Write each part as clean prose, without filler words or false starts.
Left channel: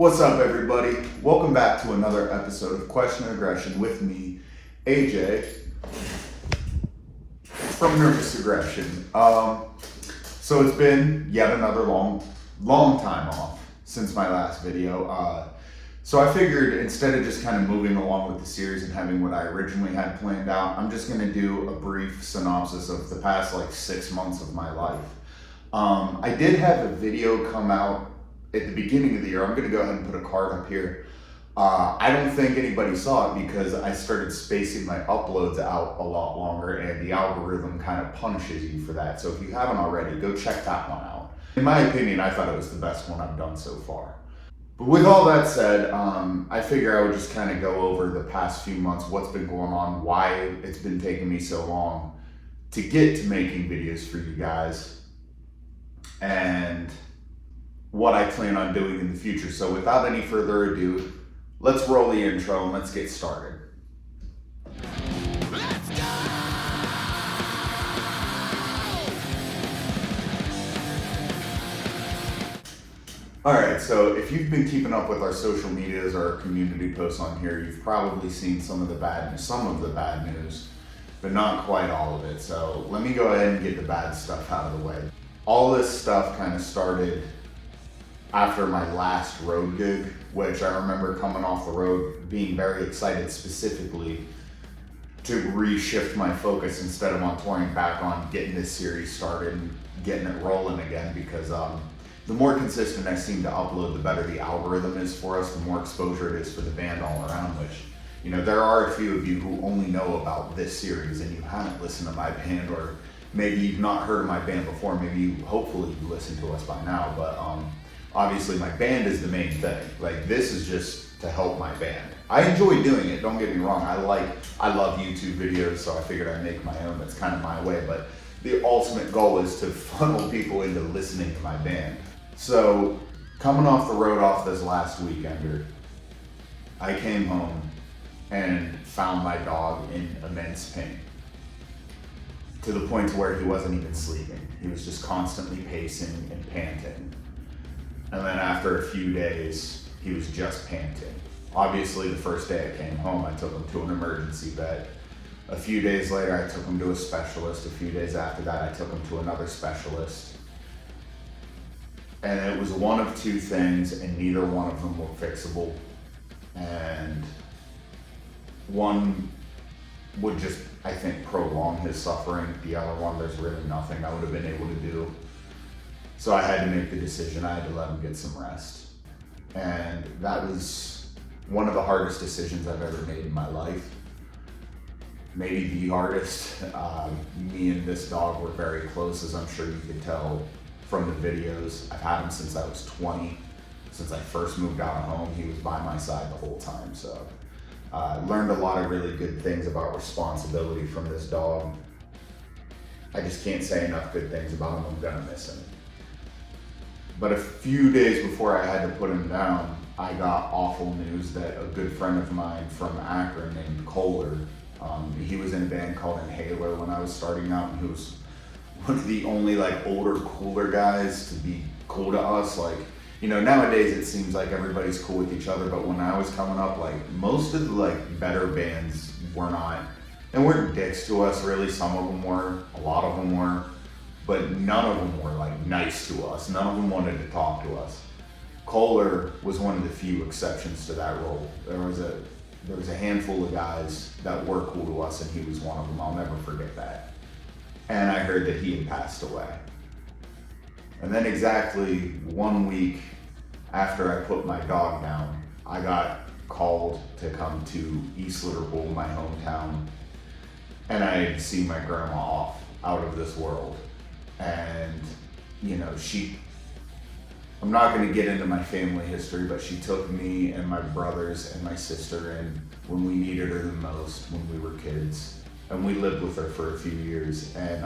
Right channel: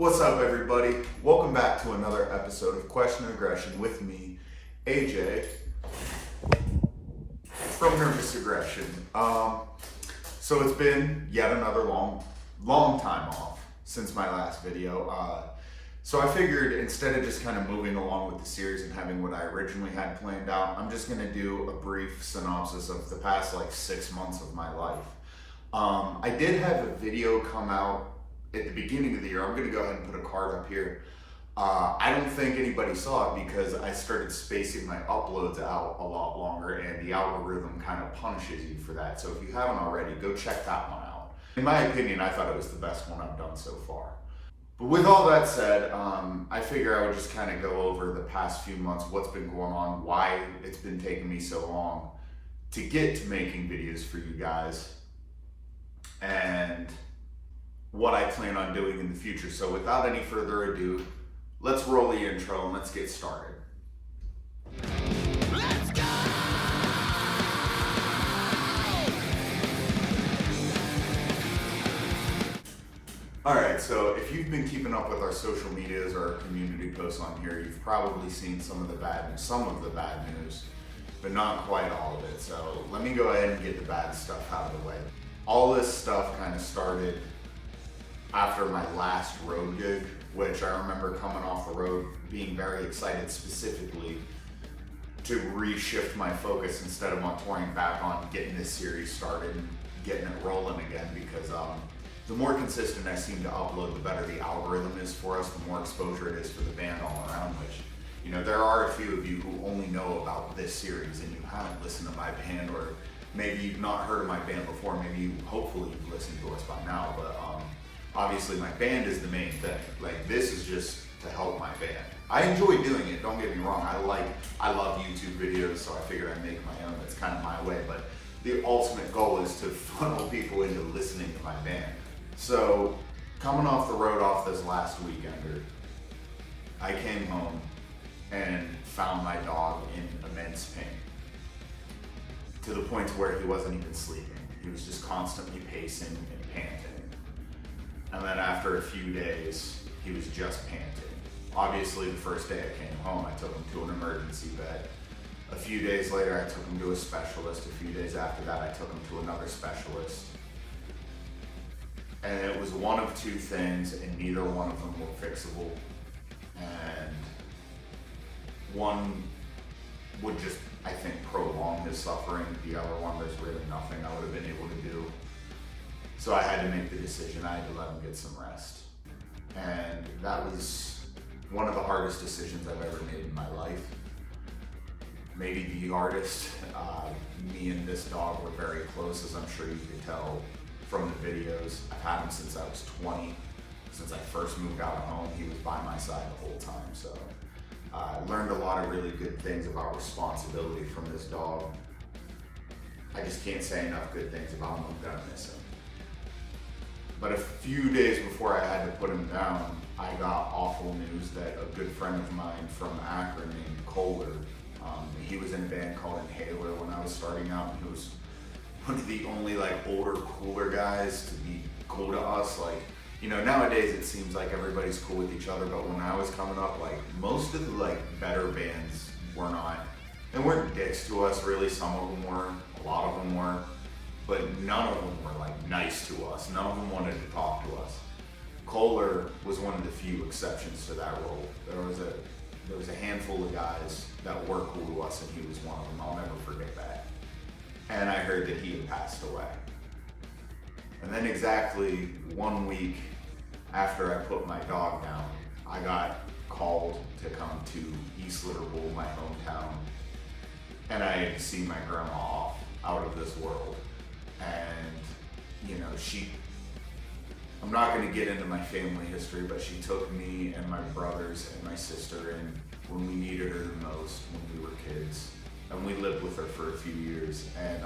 What's up, everybody? Welcome back to another episode of Question and Aggression with me, AJ, from Nervous Aggression. So it's been yet another long time off since my last video. So I figured instead of just kind of moving along with the series and having what I originally had planned out, I'm just going to do a brief synopsis of the past 6 months of my life. I did have a video come out at the beginning of the year. I'm going to go ahead and put a card up here. I don't think anybody saw it because I started spacing my uploads out a lot longer, and the algorithm kind of punishes you for that. So if you haven't already, go check that one out. In my opinion, I thought it was the best one I've done so far. But with all that said, I figure I would just kind of go over the past few months, what's been going on, why it's been taking me so long to get to making videos for you guys, and what I plan on doing in the future. So without any further ado, let's roll the intro and let's get started. Let's go! Alright, so if you've been keeping up with our social medias or our community posts on here, you've probably seen some of the bad news, but not quite all of it. So let me go ahead and get the bad stuff out of the way. All this stuff kind of started after my last road gig, which I remember coming off the road being very excited specifically to reshift my focus instead of on touring back on getting this series started and getting it rolling again, because the more consistent I seem to upload, the better the algorithm is for us, the more exposure it is for the band all around, which, there are a few of you who only know about this series and you haven't listened to my band, or maybe you've not heard of my band before. Maybe hopefully you listen to us by now, but obviously my band is the main thing. This is just to help my band. I enjoy doing it, don't get me wrong. I love YouTube videos, so I figured I'd make my own. That's kind of my way, but the ultimate goal is to funnel people into listening to my band. So coming off the road off this last weekender, I came home and found my dog in immense pain, to the point where he wasn't even sleeping. He was just constantly pacing and panting. And then after a few days, he was just panting. Obviously, the first day I came home, I took him to an emergency bed. A few days later, I took him to a specialist. A few days after that, I took him to another specialist. And it was one of two things, and neither one of them were fixable. And one would just, I think, prolong his suffering. The other one, there's really nothing I would have been able to do. So I had to make the decision. I had to let him get some rest. And that was one of the hardest decisions I've ever made in my life. Maybe the hardest. Me and this dog were very close, as I'm sure you could tell from the videos. I've had him since I was 20. Since I first moved out of home, he was by my side the whole time. So I learned a lot of really good things about responsibility from this dog. I just can't say enough good things about him. I'm gonna miss him. But a few days before I had to put him down, I got awful news that a good friend of mine from Akron named Kohler, he was in a band called Inhaler when I was starting out, and he was one of the only older, cooler guys to be cool to us. Nowadays it seems like everybody's cool with each other, but when I was coming up, most of the better bands were not, and weren't dicks to us really. Some of them were, a lot of them were. But none of them were nice to us. None of them wanted to talk to us. Kohler was one of the few exceptions to that rule. There was a handful of guys that were cool to us, and he was one of them. I'll never forget that. And I heard that he had passed away. And then exactly 1 week after I put my dog down, I got called to come to East Liverpool, my hometown, and I had seen my grandma off out of this world. And, I'm not going to get into my family history, but she took me and my brothers and my sister in when we needed her the most, when we were kids. And we lived with her for a few years. And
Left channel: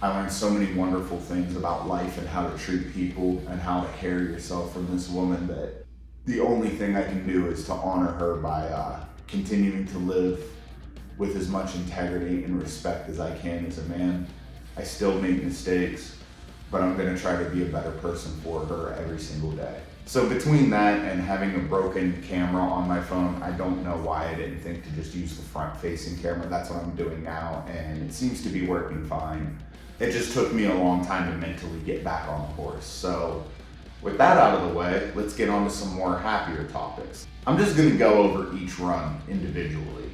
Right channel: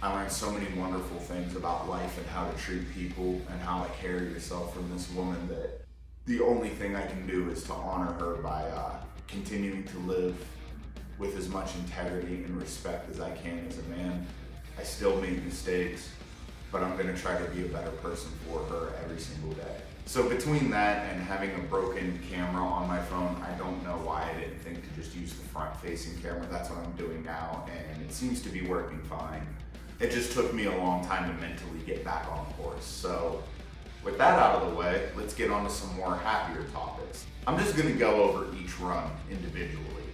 I learned so many wonderful things about life and how to treat people and how to carry yourself from this woman, that the only thing I can do is to honor her by continuing to live with as much integrity and respect as I can as a man. I still make mistakes, but I'm gonna try to be a better person for her every single day. So between that and having a broken camera on my phone, I don't know why I didn't think to just use the front-facing camera. That's what I'm doing now, and it seems to be working fine. It just took me a long time to mentally get back on the horse. So with that out of the way, let's get on to some more happier topics. I'm just gonna go over each run individually,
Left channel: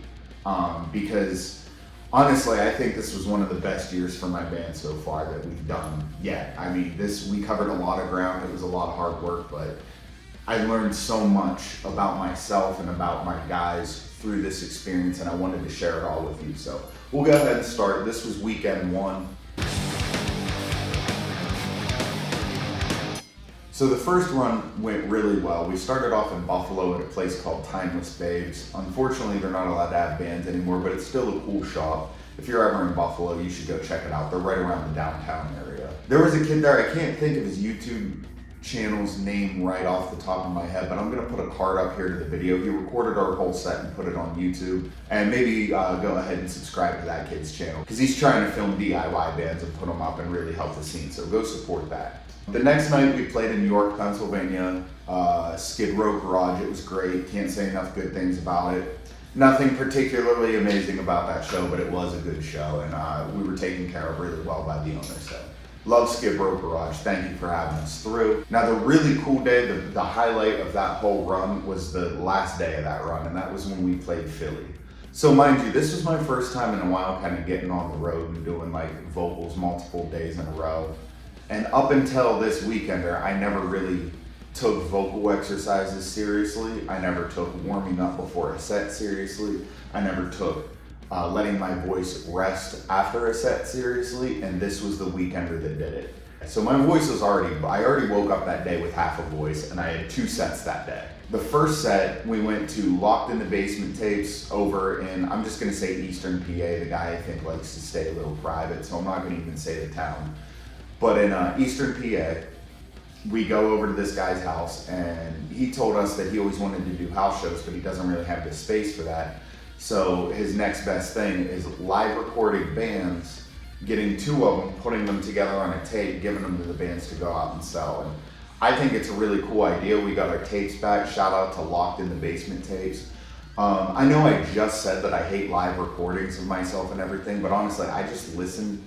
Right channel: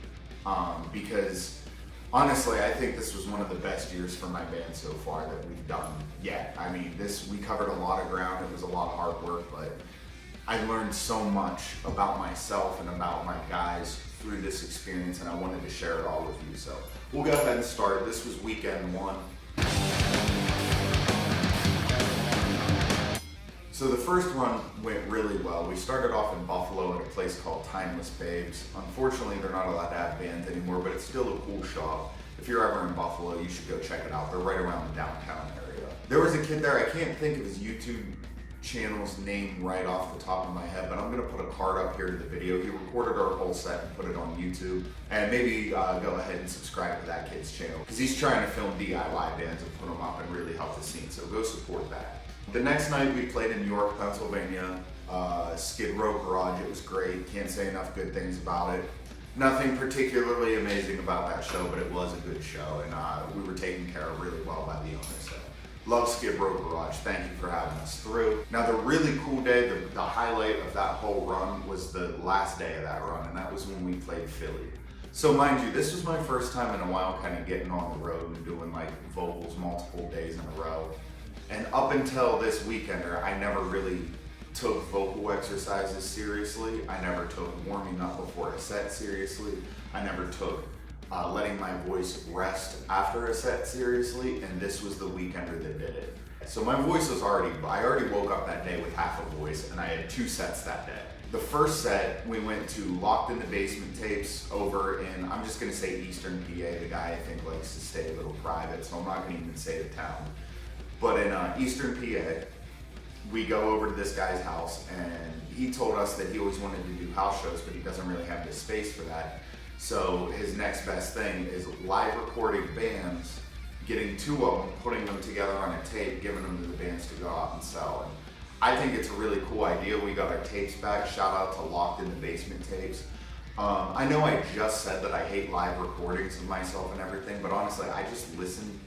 because honestly, I think this was one of the best years for my band so far that we've done yet. I mean, we covered a lot of ground. It was a lot of hard work, but I learned so much about myself and about my guys through this experience, and I wanted to share it all with you. So we'll go ahead and start. This was weekend one. So the first run went really well. We started off in Buffalo at a place called Timeless Babes. Unfortunately, they're not allowed to have bands anymore, but it's still a cool shop. If you're ever in Buffalo, you should go check it out. They're right around the downtown area. There was a kid there, I can't think of his YouTube channel's name right off the top of my head, but I'm gonna put a card up here to the video. He recorded our whole set and put it on YouTube. And maybe go ahead and subscribe to that kid's channel, because he's trying to film DIY bands and put them up and really help the scene, so go support that. The next night we played in York, Pennsylvania, Skid Row Garage. It was great, can't say enough good things about it. Nothing particularly amazing about that show, but it was a good show, and we were taken care of really well by the owner, so. Love Skid Row Garage, thank you for having us through. Now the really cool day, the highlight of that whole run was the last day of that run, and that was when we played Philly. So mind you, this was my first time in a while kind of getting on the road and doing like vocals multiple days in a row. And up until this weekender, I never really took vocal exercises seriously. I never took warming up before a set seriously. I never took letting my voice rest after a set seriously, and this was the weekender that did it. So my voice was I already woke up that day with half a voice, and I had 2 sets that day. The first set, we went to Locked in the Basement tapes over in, I'm just gonna say Eastern PA. The guy I think likes to stay a little private, so I'm not gonna even say the town. But in Eastern PA, we go over to this guy's house, and he told us that he always wanted to do house shows, but he doesn't really have the space for that. So his next best thing is live recording bands, getting 2 of them, putting them together on a tape, giving them to the bands to go out and sell. And I think it's a really cool idea. We got our tapes back. Shout out to Locked in the Basement tapes. I know I just said that I hate live recordings of myself and everything, but honestly, I just listened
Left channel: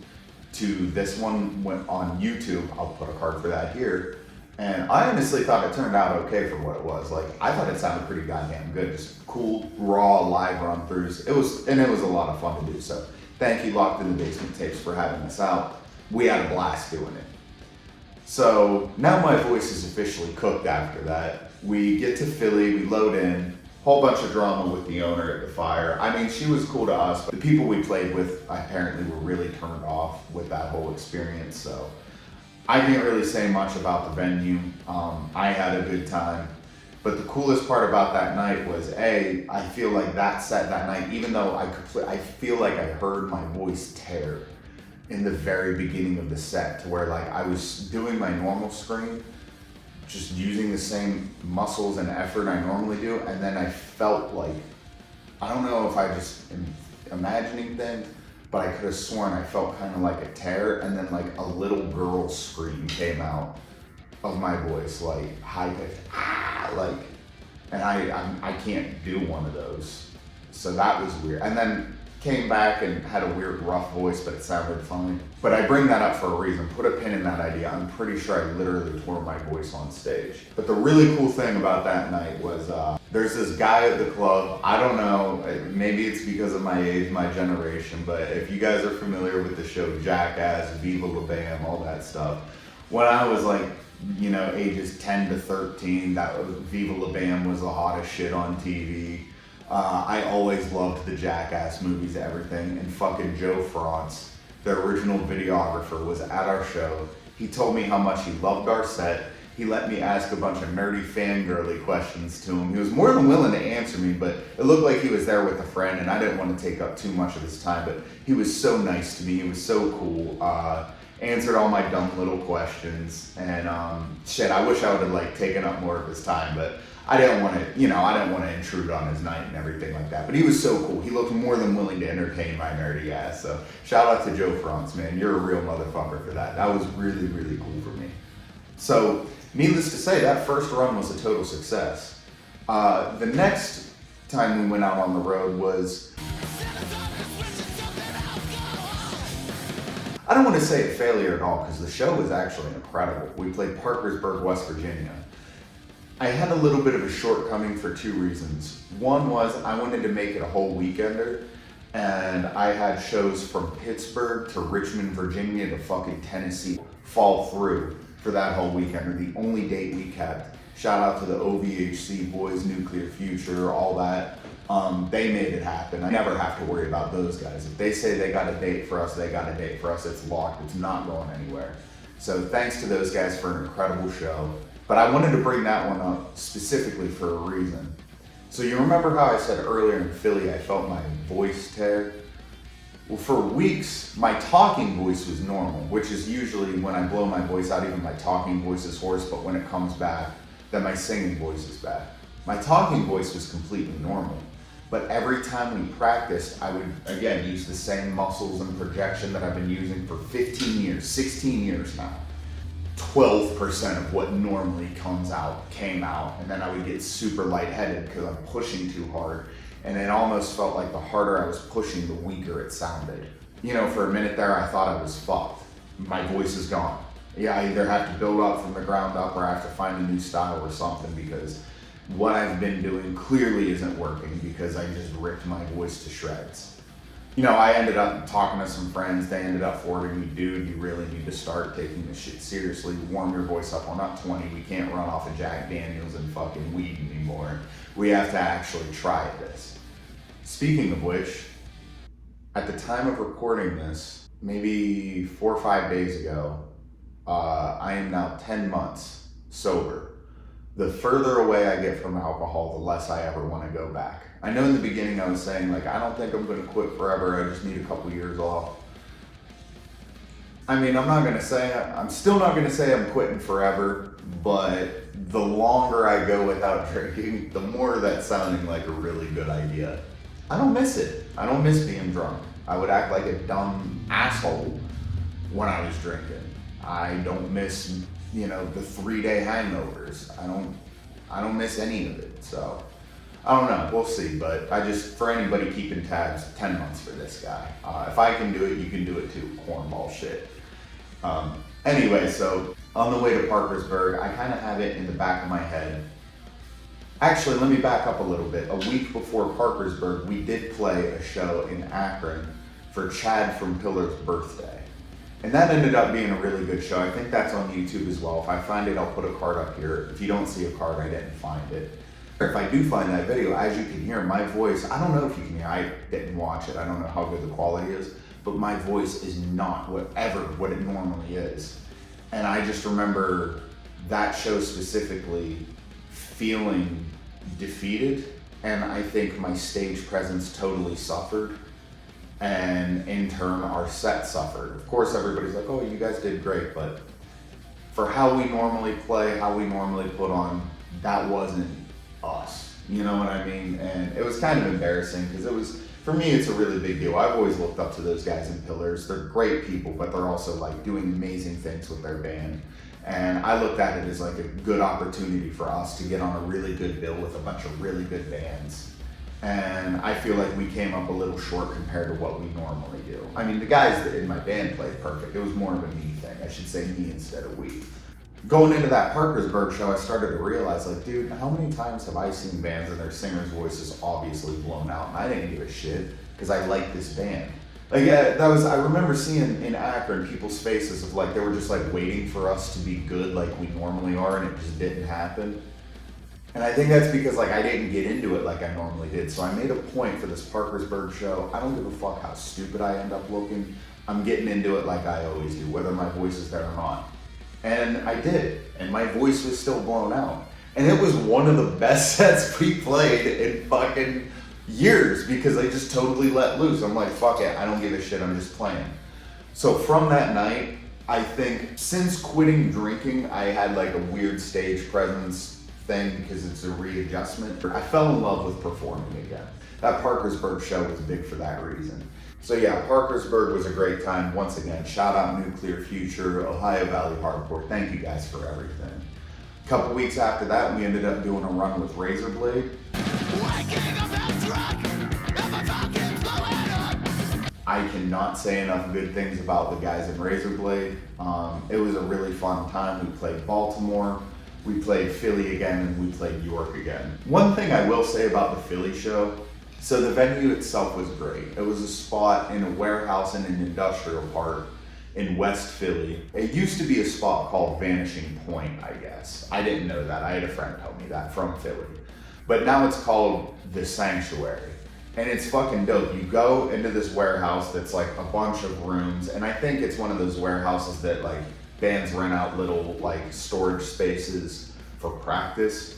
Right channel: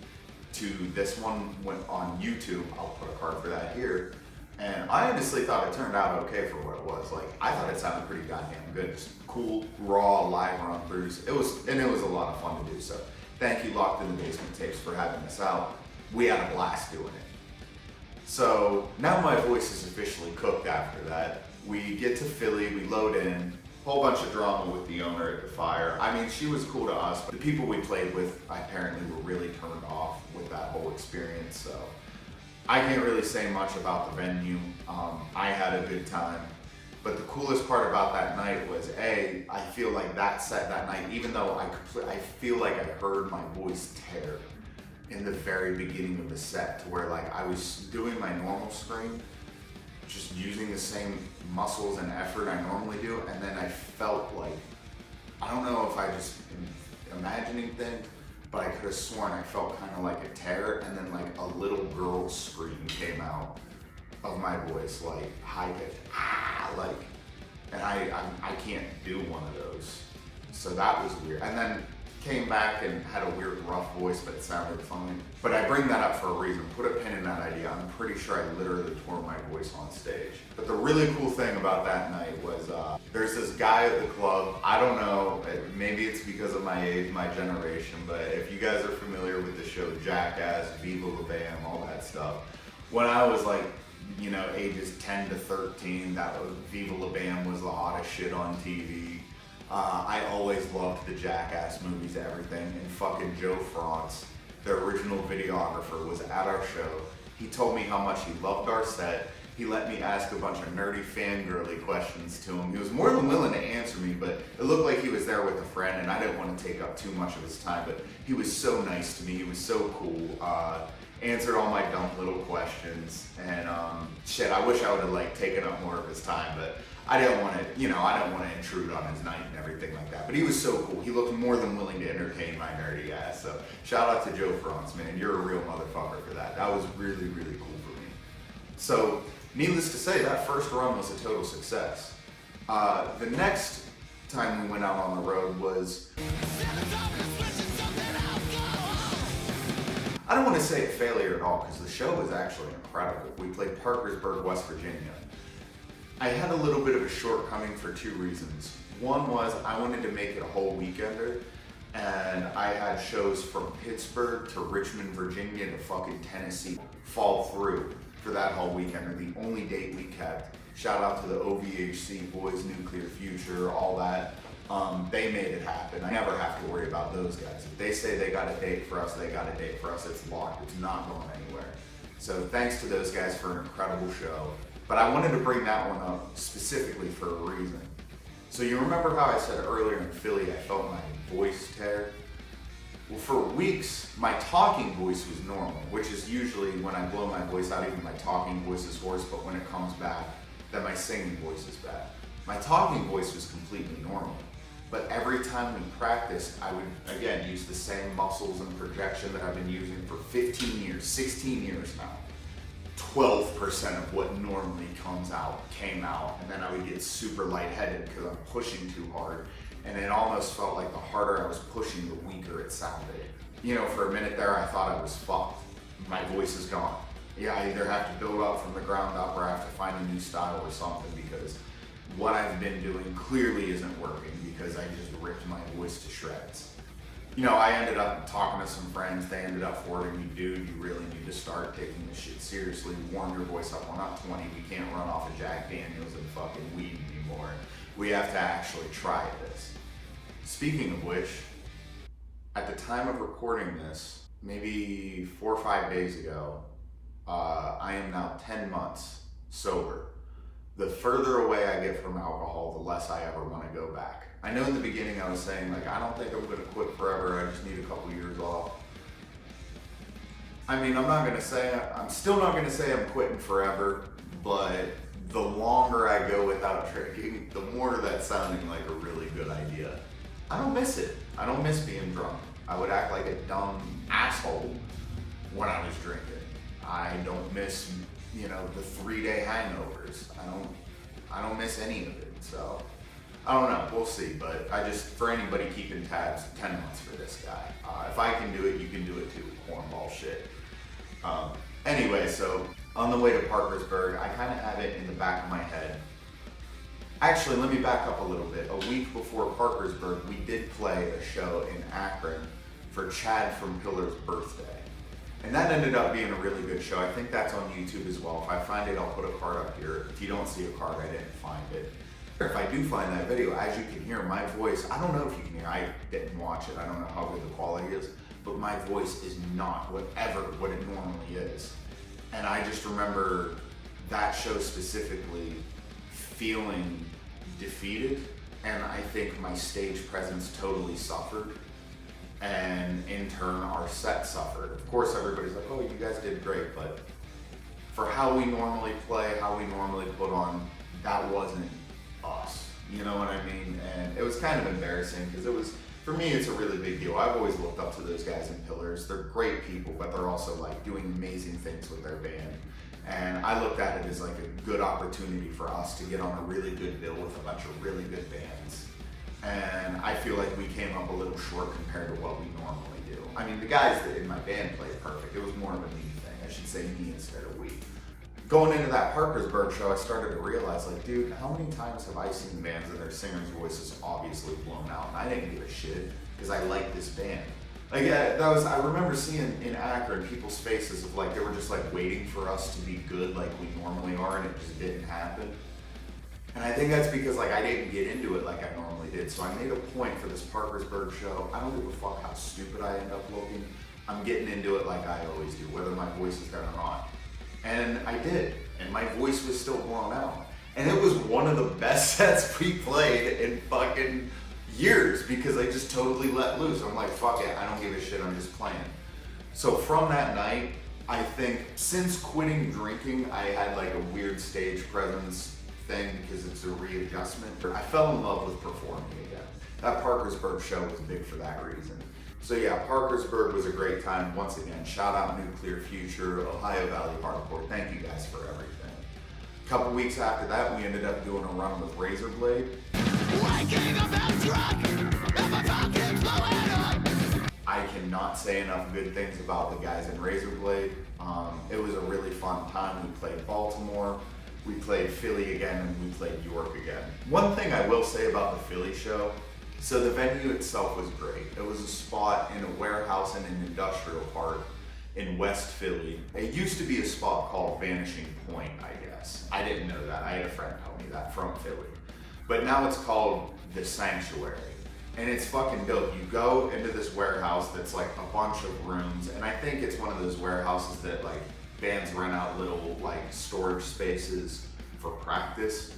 to this one went on YouTube. I'll put a card for that here. And I honestly thought it turned out okay for what it was. Like, I thought it sounded pretty goddamn good. Just cool, raw, live run-throughs. It was a lot of fun to do. So thank you, Locked in the Basement tapes, for having us out. We had a blast doing it. So now my voice is officially cooked after that. We get to Philly, we load in, whole bunch of drama with the owner at the fire. I mean, she was cool to us, but the people we played with apparently were really turned off with that whole experience. So I can't really say much about the venue. I had a good time, but the coolest part about that night was I feel like that set that night, even though I feel like I heard my voice tear in the very beginning of the set, to where like I was doing my normal scream, just using the same muscles and effort I normally do, and then I felt like, I don't know if I just am imagining things, but I could have sworn I felt kind of like a tear, and then like a little girl scream came out of my voice, like high pitched, like, and I can't do one of those, so that was weird. And then came back and had a weird rough voice, but it sounded fine. But I bring that up for a reason. Put a pin in that idea. I'm pretty sure I literally tore my voice on stage. But the really cool thing about that night was there's this guy at the club. I don't know, maybe it's because of my age, my generation, but if you guys are familiar with the show Jackass, Viva La Bam, all that stuff, when I was like, you know, ages 10 to 13, that was Viva La Bam was the hottest shit on TV. I always loved the Jackass movies, everything, and fucking Joe Frantz, the original videographer, was at our show. He told me how much he loved our set. He let me ask a bunch of nerdy fangirly questions to him. He was more than willing to answer me, but it looked like he was there with a friend, and I didn't want to take up too much of his time, but he was so nice to me. He was so cool. Answered all my dumb little questions, and shit, I wish I would have like taken up more of his time, but I didn't want to, you know, I didn't want to intrude on his night and everything like that. But he was so cool. He looked more than willing to entertain my nerdy ass. So shout out to Joe Frantz, man. You're a real motherfucker for that. That was really, really cool for me. So Needless to say, that first run was a total success. The next time we went out on the road was, I don't want to say a failure at all, because the show was actually incredible. We played Parkersburg, West Virginia. I had a little bit of a shortcoming for two reasons. One was I wanted to make it a whole weekender, and I had shows from Pittsburgh to Richmond, Virginia to fucking Tennessee fall through for that whole weekender. The only date we kept. Shout out to the OVHC boys, Nuclear Future, all that. They made it happen. I never have to worry about those guys. If they say they got a date for us, they got a date for us. It's locked. It's not going anywhere. So thanks to those guys for an incredible show. But I wanted to bring that one up specifically for a reason. So you remember how I said earlier in Philly I felt my voice tear? Well, for weeks, my talking voice was normal, which is usually when I blow my voice out, even my talking voice is hoarse, but when it comes back, then my singing voice is back. My talking voice was completely normal. But every time we practiced, I would, again, use the same muscles and projection that I've been using for 15 years, 16 years now. 12% of what normally comes out came out, and then I would get super lightheaded because I'm pushing too hard, and it almost felt like the harder I was pushing, the weaker it sounded. You know, for a minute there, I thought I was fucked. My voice is gone. Yeah, I either have to build up from the ground up or I have to find a new style or something, because what I've been doing clearly isn't working, because I just ripped my voice to shreds. You know, I ended up talking to some friends. They ended up forwarding me, dude, you really need to start taking this shit seriously. Warm your voice up. We're not 20. We can't run off of Jack Daniels and fucking weed anymore. We have to actually try this. Speaking of which, at the time of recording this, maybe 4 or 5 days ago, I am now 10 months sober. The further away I get from alcohol, the less I ever want to go back. I know in the beginning I was saying, like, I don't think I'm going to quit forever. I just need a couple years off. I mean, I'm still not going to say I'm quitting forever, but the longer I go without drinking, the more that's sounding like a really good idea. I don't miss it. I don't miss being drunk. I would act like a dumb asshole when I was drinking. I don't miss, you know, the 3-day hangovers. I don't miss any of it. So I don't know, we'll see. But for anybody keeping tabs, 10 months for this guy. If I can do it, you can do it too. Cornball shit. Anyway, so on the way to Parkersburg, I kind of have it in the back of my head. Actually, let me back up a little bit. A week before Parkersburg, we did play a show in Akron for Chad from Pillar's birthday. And that ended up being a really good show. I think that's on YouTube as well. If I find it, I'll put a card up here. If you don't see a card, I didn't find it. If I do find that video, as you can hear, my voice, I don't know if you can hear, I didn't watch it. I don't know how good the quality is, but my voice is not what it normally is. And I just remember that show specifically feeling defeated, and I think my stage presence totally suffered, and in turn our set suffered. Of course everybody's like, oh, you guys did great, but for how we normally play, how we normally put on, that wasn't us, you know what I mean? And it was kind of embarrassing, because for me, it's a really big deal. I've always looked up to those guys in Pillars. They're great people, but they're also like doing amazing things with their band. And I looked at it as like a good opportunity for us to get on a really good bill with a bunch of really good bands. And I feel like we came up a little short compared to what we normally do. I mean, the guys in my band played perfect. It was more of a me thing. I should say me instead of we. Going into that Parkersburg show, I started to realize, like, dude, how many times have I seen bands and their singer's voice is obviously blown out, and I didn't give a shit because I liked this band. Like, I remember seeing in Akron people's faces of like, they were just like waiting for us to be good like we normally are, and it just didn't happen. And I think that's because like I didn't get into it like I normally did. So I made a point for this Parkersburg show. I don't give a fuck how stupid I end up looking. I'm getting into it like I always do, whether my voice is there or not. And I did, and my voice was still blown out. And it was one of the best sets we played in fucking years, because I just totally let loose. I'm like, fuck it, I don't give a shit, I'm just playing. So from that night, I think since quitting drinking, I had like a weird stage presence thing, because it's a readjustment. I fell in love with performing again. That Parkersburg show was big for that reason. So yeah, Parkersburg was a great time. Once again, shout out Nuclear Future, Ohio Valley Hardcore. Thank you guys for everything. A couple weeks after that, we ended up doing a run with Razorblade. Waking up that truck, if I fucking blow it up. I cannot say enough good things about the guys in Razorblade. It was a really fun time. We played Baltimore, we played Philly again, and we played York again. One thing I will say about the Philly show, so the venue itself was great. It was a spot in a warehouse in an industrial park in West Philly. It used to be a spot called Vanishing Point, I guess. I didn't know that. I had a friend tell me that from Philly. But now it's called The Sanctuary. And it's fucking dope. You go into this warehouse that's like a bunch of rooms, and I think it's one of those warehouses that like bands rent out little like storage spaces for practice.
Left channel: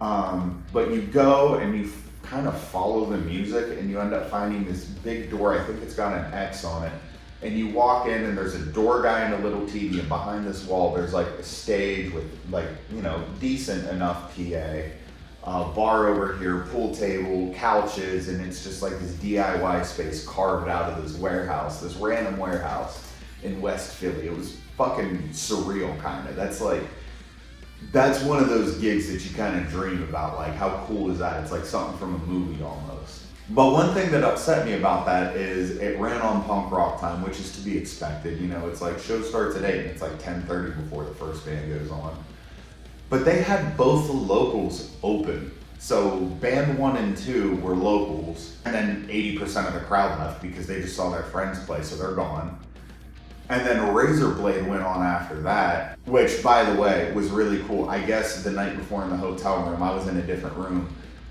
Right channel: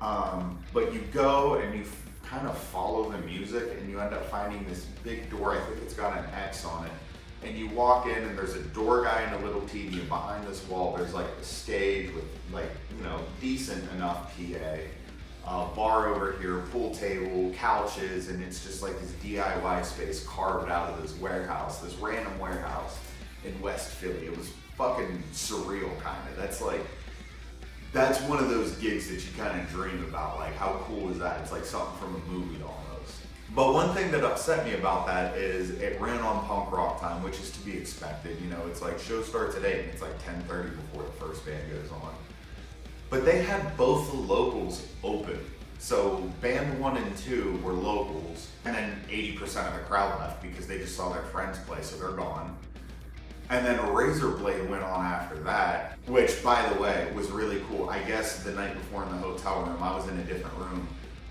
But you go and you kind of follow the music, and you end up finding this big door. I think it's got an X on it. And you walk in, and there's a door guy and a little TV, and behind this wall there's like a stage with like, you know, decent enough PA, bar over here, pool table, couches, and it's just like this DIY space carved out of this warehouse, this random warehouse in West Philly. It was fucking surreal, kind of. That's one of those gigs that you kind of dream about. Like, how cool is that? It's like something from a movie almost. But one thing that upset me about that is it ran on punk rock time, which is to be expected. You know, it's like show starts at 8 and it's like 10:30 before the first band goes on. But they had both the locals open. So band 1 and 2 were locals, and then 80% of the crowd left because they just saw their friends play, so they're gone. And then Razorblade went on after that, which, by the way, was really cool. I guess the night before in the hotel room, I was in a different room.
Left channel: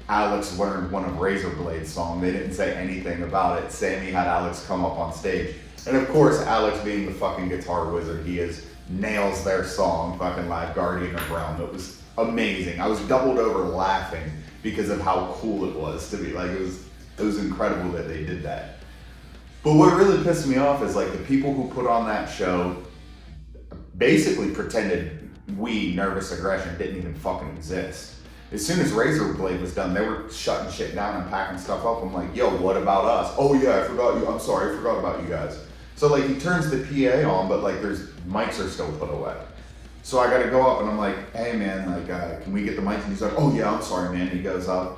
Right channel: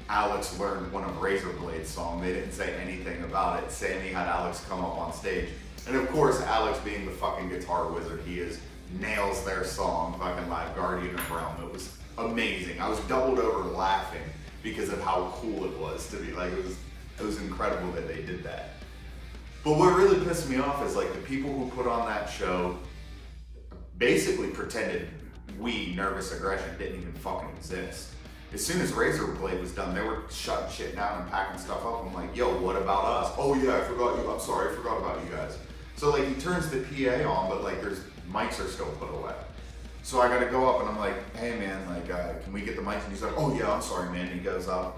Alex learned one of Razorblade's songs. They didn't say anything about it. Sammy had Alex come up on stage. And of course, Alex being the fucking guitar wizard he is, nails their song, fucking like Guardian of Realm. It was amazing. I was doubled over laughing because of how cool it was to be. Like, it was incredible that they did that. But what really pissed me off is like the people who put on that show basically pretended we, Nervous Aggression, didn't even fucking exist. As soon as Razorblade was done, they were shutting shit down and packing stuff up. I'm like, yo, what about us? Oh yeah, I forgot you. I'm sorry, I forgot about you guys. So like he turns the PA on, but like there's mics are still put away. So I gotta go up and I'm like, hey man, like can we get the mics? And he's like, oh yeah, I'm sorry man. He goes up.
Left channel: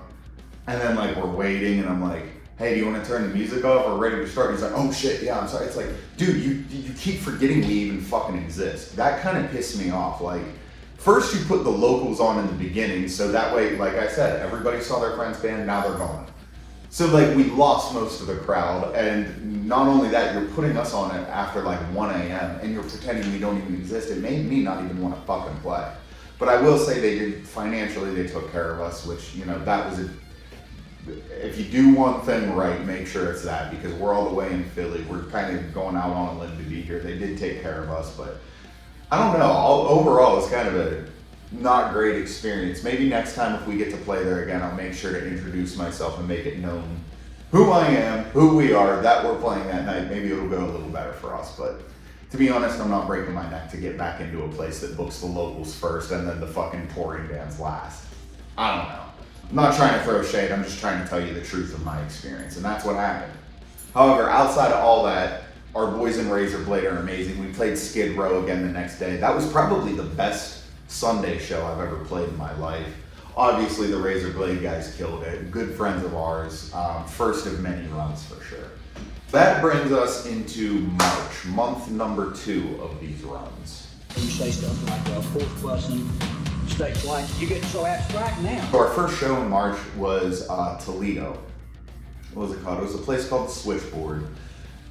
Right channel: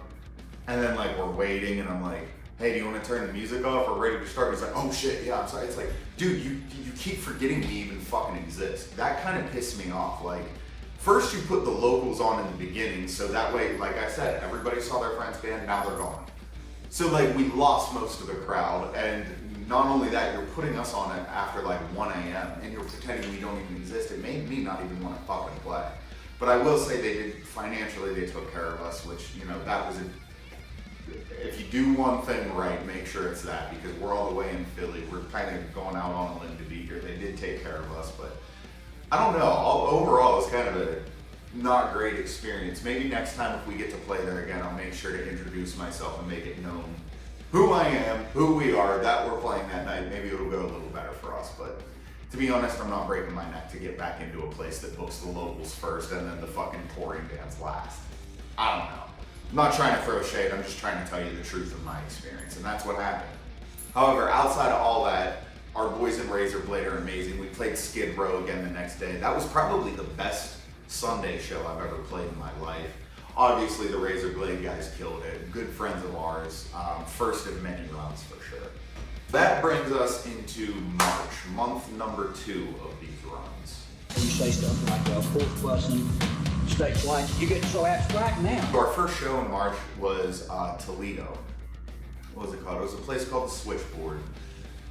And then like we're waiting and I'm like, hey, do you want to turn the music off or ready to start? And he's like, oh shit, yeah, I'm sorry. It's like, dude, you keep forgetting we even fucking exist. That kind of pissed me off. Like, first you put the locals on in the beginning, so that way, like I said, everybody saw their friend's band, now they're gone. So like we lost most of the crowd, and not only that, you're putting us on it after like 1 a.m. and you're pretending we don't even exist. It made me not even want to fucking play. But I will say they did, financially they took care of us, which, you know, that was if you do one thing right, make sure it's that, because we're all the way in Philly. We're kind of going out on a limb to be here. They did take care of us, but I don't know. Overall, it's kind of a not great experience. Maybe next time if we get to play there again, I'll make sure to introduce myself and make it known who I am, who we are, that we're playing that night. Maybe it'll go a little better for us. But to be honest, I'm not breaking my neck to get back into a place that books the locals first and then the fucking touring bands last. I don't know. I'm not trying to throw shade. I'm just trying to tell you the truth of my experience, and that's what happened. However, outside of all that, our boys in Razorblade are amazing. We played Skid Row again the next day. That was probably the best Sunday show I've ever played in my life. Obviously, the Razorblade guys killed it. Good friends of ours. First of many runs for sure. That brings us into March, month number 2 of these runs. You say stuff like fourth busing, stage lights, you get so abstract now. So our first show in March was Toledo. What was it called? It was a place called The Switchboard.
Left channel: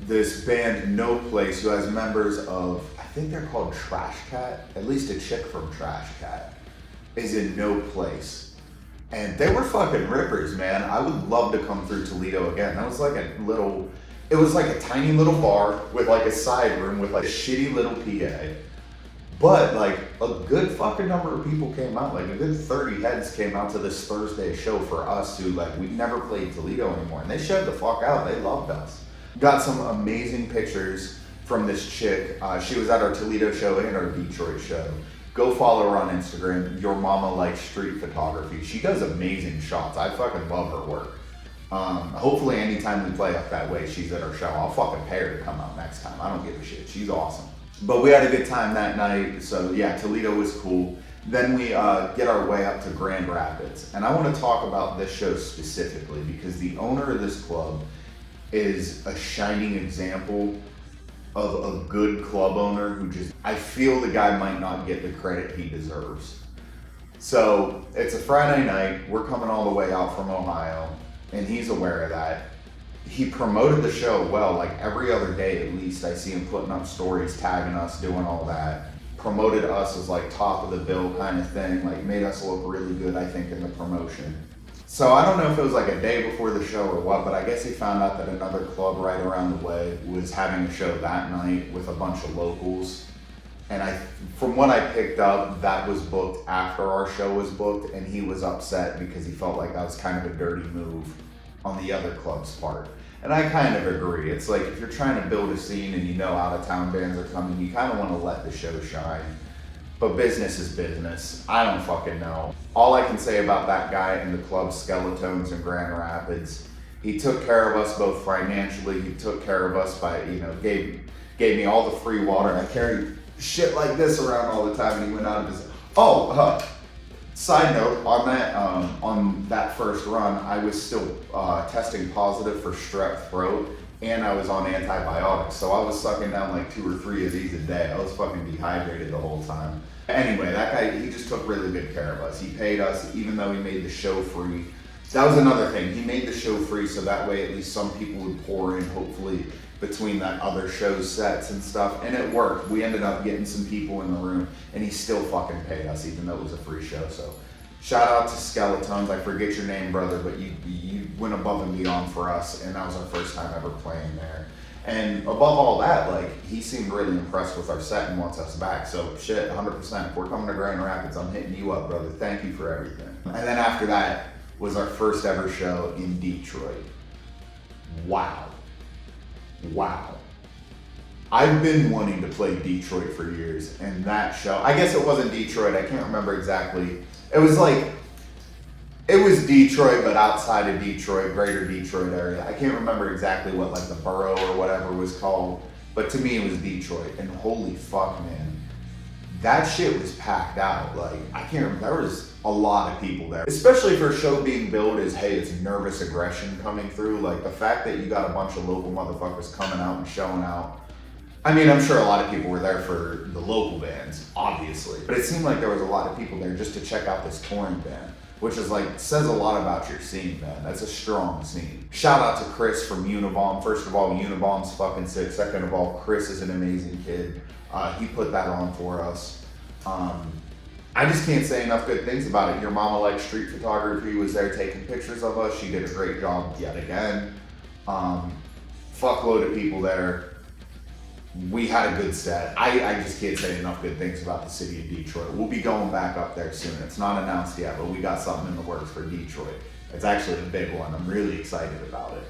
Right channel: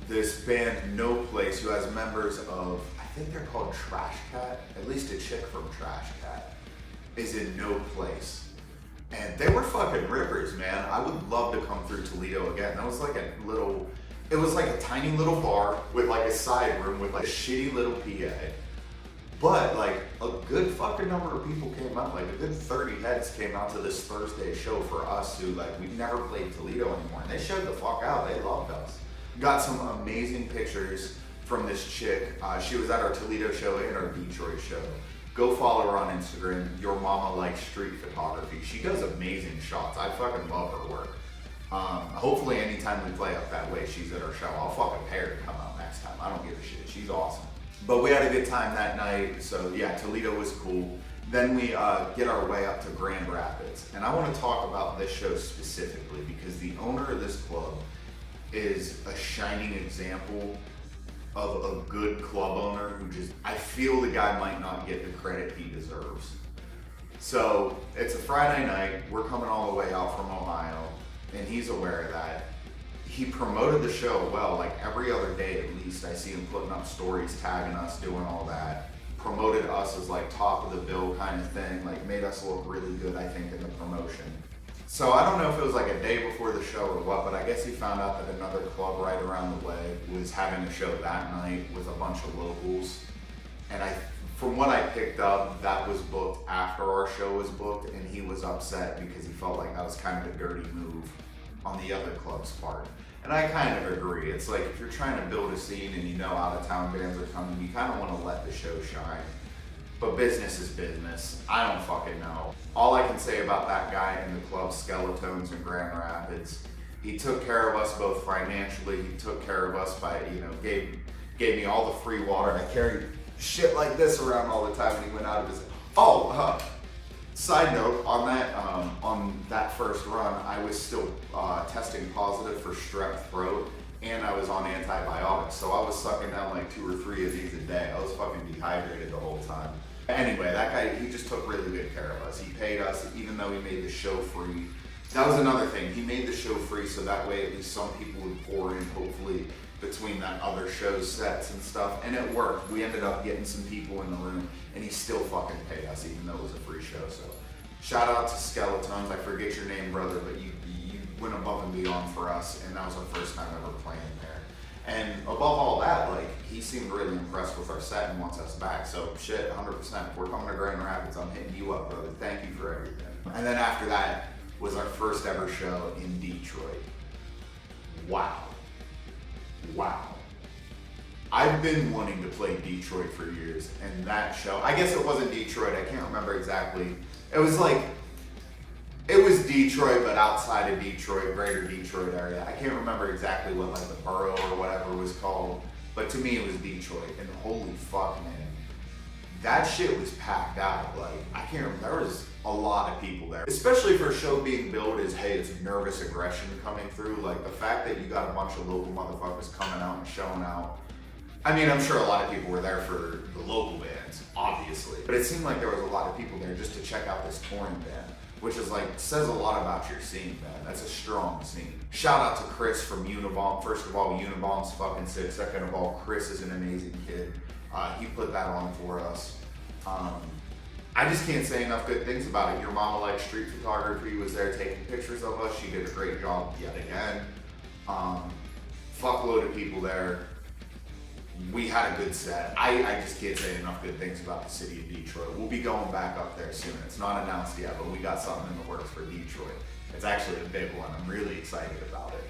This band, No Place, who has members of, I think they're called Trash Cat, at least a chick from Trash Cat, is in No Place. And they were fucking rippers, man. I would love to come through Toledo again. That was like it was like a tiny little bar with like a side room with like a shitty little PA. But like a good fucking number of people came out, like a good 30 heads came out to this Thursday show for us who like, we've never played Toledo anymore. And they showed the fuck out, they loved us. Got some amazing pictures from this chick. She was at our Toledo show and our Detroit show. Go follow her on Instagram. Your Mama Likes Street Photography. She does amazing shots. I fucking love her work. Hopefully anytime we play up that way, she's at our show. I'll fucking pay her to come out next time. I don't give a shit. She's awesome. But we had a good time that night. So yeah, Toledo was cool. Then we get our way up to Grand Rapids. And I want to talk about this show specifically because the owner of this club is a shining example of a good club owner who just, I feel the guy might not get the credit he deserves. So it's a Friday night, we're coming all the way out from Ohio, and he's aware of that. He promoted the show well, like every other day at least. I see him putting up stories, tagging us, doing all that. Promoted us as like top of the bill kind of thing, like made us look really good, I think, in the promotion. So I don't know if it was like a day before the show or what, but I guess he found out that another club right around the way was having a show that night with a bunch of locals. And from what I picked up, that was booked after our show was booked, and he was upset because he felt like that was kind of a dirty move on the other club's part. And I kind of agree. It's like if you're trying to build a scene and you know out of town bands are coming, you kind of want to let the show shine. But business is business. I don't fucking know. All I can say about that guy in the club Skeletons in Grand Rapids, he took care of us both financially. He took care of us by, gave me all the free water. I carried shit like this around all the time, and he went out of his. Side note on that first run, I was still testing positive for strep throat, and I was on antibiotics, so I was sucking down like 2 or 3 of these a day. I was fucking dehydrated the whole time. Anyway, that guy, he just took really good care of us. He paid us, even though he made the show free. That was another thing. He made the show free, so that way at least some people would pour in, hopefully, between that other show's sets and stuff, and it worked. We ended up getting some people in the room, and he still fucking paid us, even though it was a free show. So, shout out to Skeletons. I forget your name, brother, but you went above and beyond for us, and that was our first time ever playing there. And above all that, like, he seemed really impressed with our set and wants us back. So, shit, 100%. If we're coming to Grand Rapids, I'm hitting you up, brother. Thank you for everything. And then after that was our first ever show in Detroit. Wow. I've been wanting to play Detroit for years, and that show, I guess it wasn't Detroit, I can't remember exactly. It was Detroit, but outside of Detroit, greater Detroit area. I can't remember exactly what like the borough or whatever was called, but to me it was Detroit, and holy fuck, man. That shit was packed out. Like, I can't remember, there was a lot of people there. Especially for a show being billed as, hey, it's nervous aggression coming through. Like, the fact that you got a bunch of local motherfuckers coming out and showing out. I mean, I'm sure a lot of people were there for the local bands, obviously. But it seemed like there was a lot of people there just to check out this touring band, which is like, says a lot about your scene, man. That's a strong scene. Shout out to Chris from Unabomb. First of all, Unabomb's fucking sick. Second of all, Chris is an amazing kid. He put that on for us. I just can't say enough good things about it. Your Mama Likes Street Photography was there taking pictures of us. She did a great job yet again. Fuckload of people there. We had a good set. I just can't say enough good things about the city of Detroit. We'll be going back up there soon. It's not announced yet, but we got something in the works for Detroit. It's actually a big one. I'm really excited about it.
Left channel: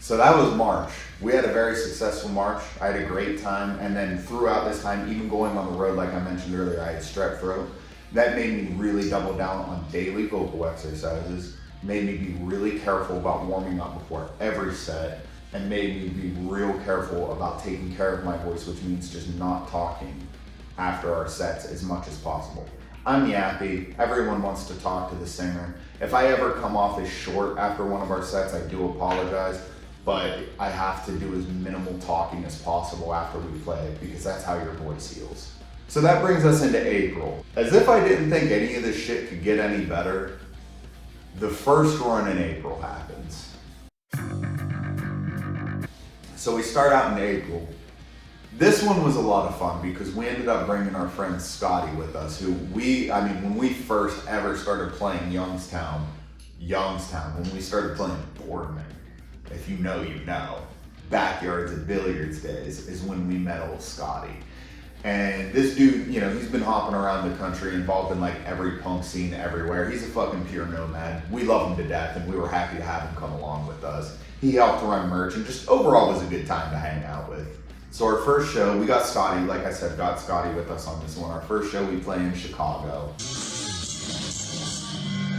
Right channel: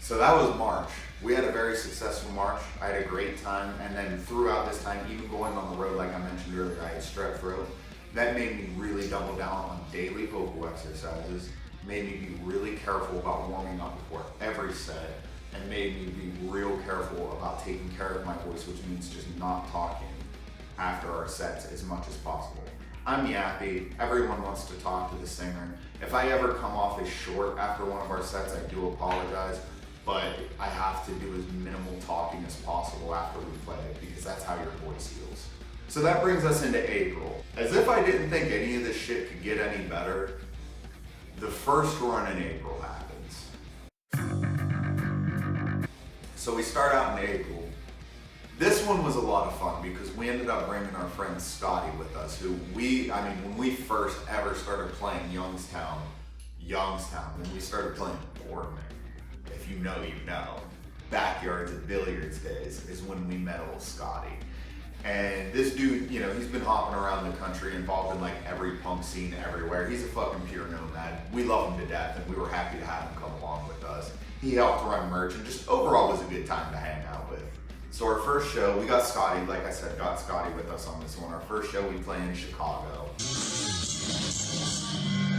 So that was March. We had a very successful March. I had a great time, and then throughout this time, even going on the road, like I mentioned earlier, I had strep throat. That made me really double down on daily vocal exercises, made me be really careful about warming up before every set, and made me be real careful about taking care of my voice, which means just not talking after our sets as much as possible. I'm yappy. Everyone wants to talk to the singer. If I ever come off as short after one of our sets, I do apologize, but I have to do as minimal talking as possible after we play because that's how your voice heals. So that brings us into April. As if I didn't think any of this shit could get any better, the first run in April happens. So we start out in April. This one was a lot of fun because we ended up bringing our friend Scotty with us, who when we first ever started playing Youngstown, when we started playing Boardman, if you know, you know, backyards and billiards days is when we met old Scotty. And this dude, he's been hopping around the country, involved in like every punk scene everywhere. He's a fucking pure nomad. We love him to death, and we were happy to have him come along with us. He helped run merch, and just overall was a good time to hang out with. So our first show, we got Scotty, like I said, got Scotty with us on this one. Our first show we play in Chicago.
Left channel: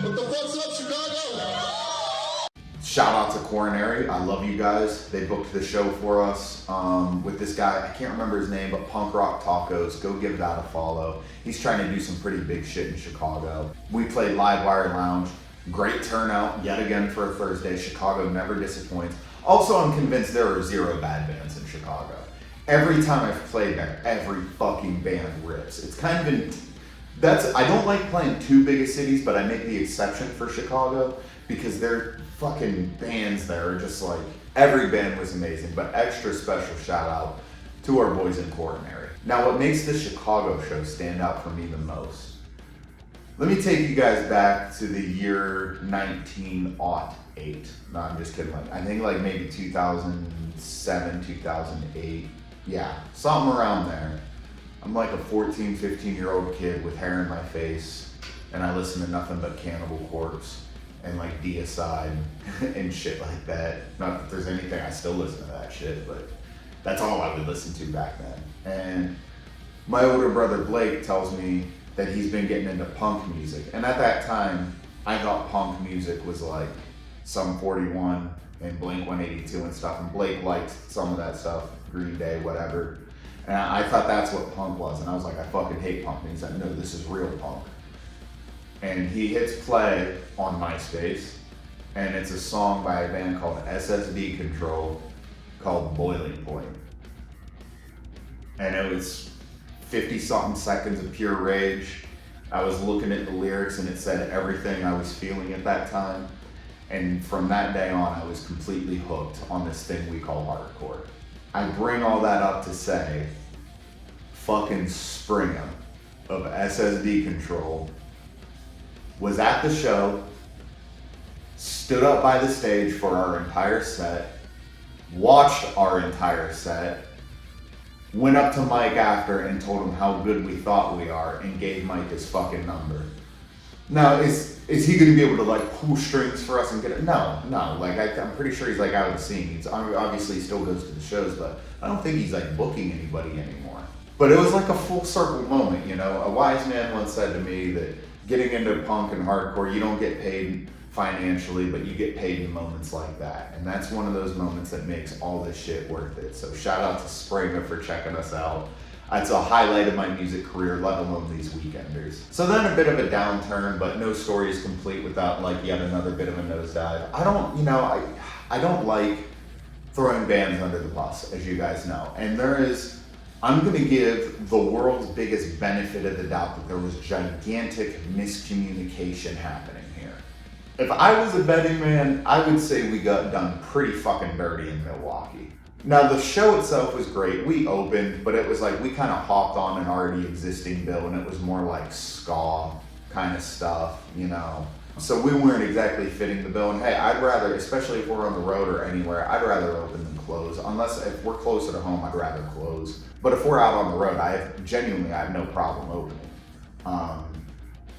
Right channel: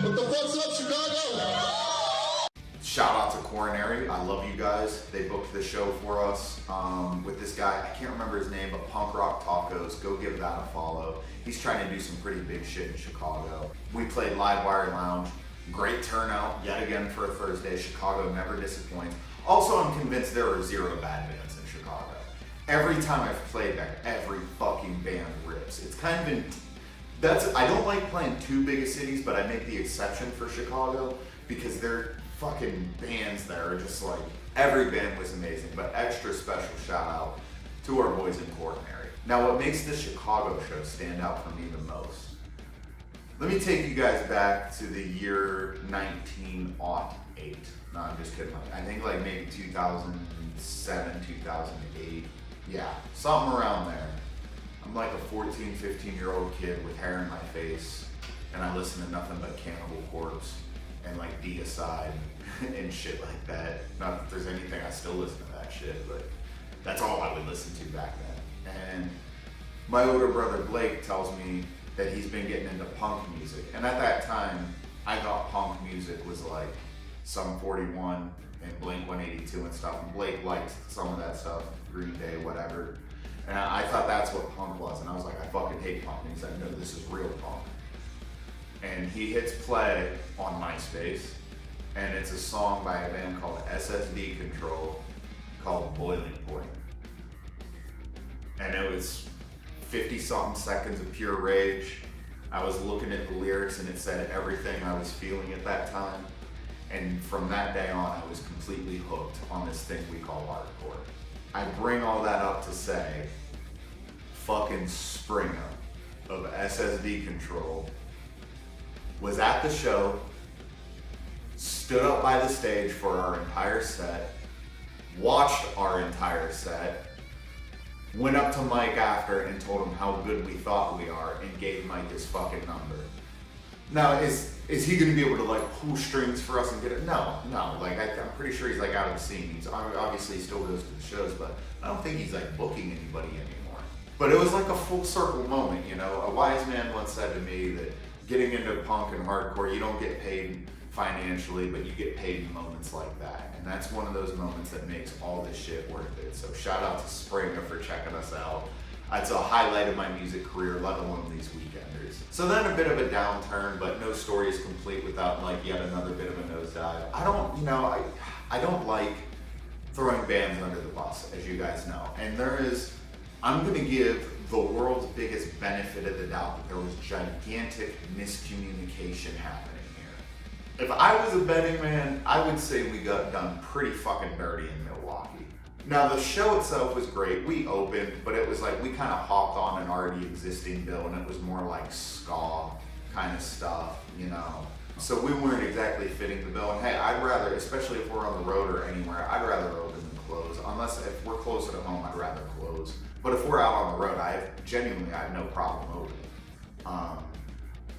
What the fuck's up, Chicago? Shout out to Coronary. I love you guys. They booked the show for us with this guy. I can't remember his name, but Punk Rock Tacos. Go give that a follow. He's trying to do some pretty big shit in Chicago. We played Livewire Lounge. Great turnout yet again for a Thursday. Chicago never disappoints. Also, I'm convinced there are 0 bad bands in Chicago. Every time I've played there, every fucking band rips. It's kind of I don't like playing too big of cities, but I make the exception for Chicago because their fucking bands there are just like, every band was amazing, but extra special shout out to our boys in Coronary. Now, what makes the Chicago show stand out for me the most? Let me take you guys back to the year 1908. No, I'm just kidding. Like, I think like maybe 2007, 2008. Yeah, something around there. I'm like a 14, 15-year-old kid with hair in my face, and I listen to nothing but Cannibal Corpse and like Deicide and shit like that. Not that there's anything, I still listen to that shit, but that's all I would listen to back then. And my older brother Blake tells me that he's been getting into punk music. And at that time, I thought punk music was like Sum 41 and Blink-182 and stuff. And Blake liked some of that stuff, Green Day, whatever. And I thought that's what punk was. And I was like, I fucking hate punk. And he's like, no, this is real punk. And he hits play on MySpace. And it's a song by a band called SSD Control called Boiling Point. And it was 50-something seconds of pure rage. I was looking at the lyrics and it said everything I was feeling at that time. And from that day on, I was completely hooked on this thing we call hardcore. I bring all that up to say, fucking Springer of SSD Control was at the show, stood up by the stage for our entire set, watched our entire set, went up to Mike after and told him how good we thought we are and gave Mike his fucking number. Now, is he going to be able to like pull strings for us and get it? No. Like I'm pretty sure he's like out of the scene. He's obviously he still goes to the shows, but I don't think he's like booking anybody anymore. But it was like a full circle moment, you know. A wise man once said to me that getting into punk and hardcore, you don't get paid financially, but you get paid in moments like that. And that's one of those moments that makes all this shit worth it. So shout out to Springer for checking us out. It's a highlight of my music career, let alone these weekenders. So then a bit of a downturn, but no story is complete without like yet another bit of a nosedive. I don't like throwing bands under the bus, as you guys know. And I'm gonna give the world's biggest benefit of the doubt that there was gigantic miscommunication happening here. If I was a betting man, I would say we got done pretty fucking dirty in Milwaukee. Now the show itself was great. We opened, but it was like we kind of hopped on an already existing bill and it was more like ska kind of stuff, you know. So we weren't exactly fitting the bill. And hey, I'd rather, especially if we're on the road or anywhere, I'd rather open than close. Unless if we're closer to home, I'd rather close. But if we're out on the road, I have no problem opening.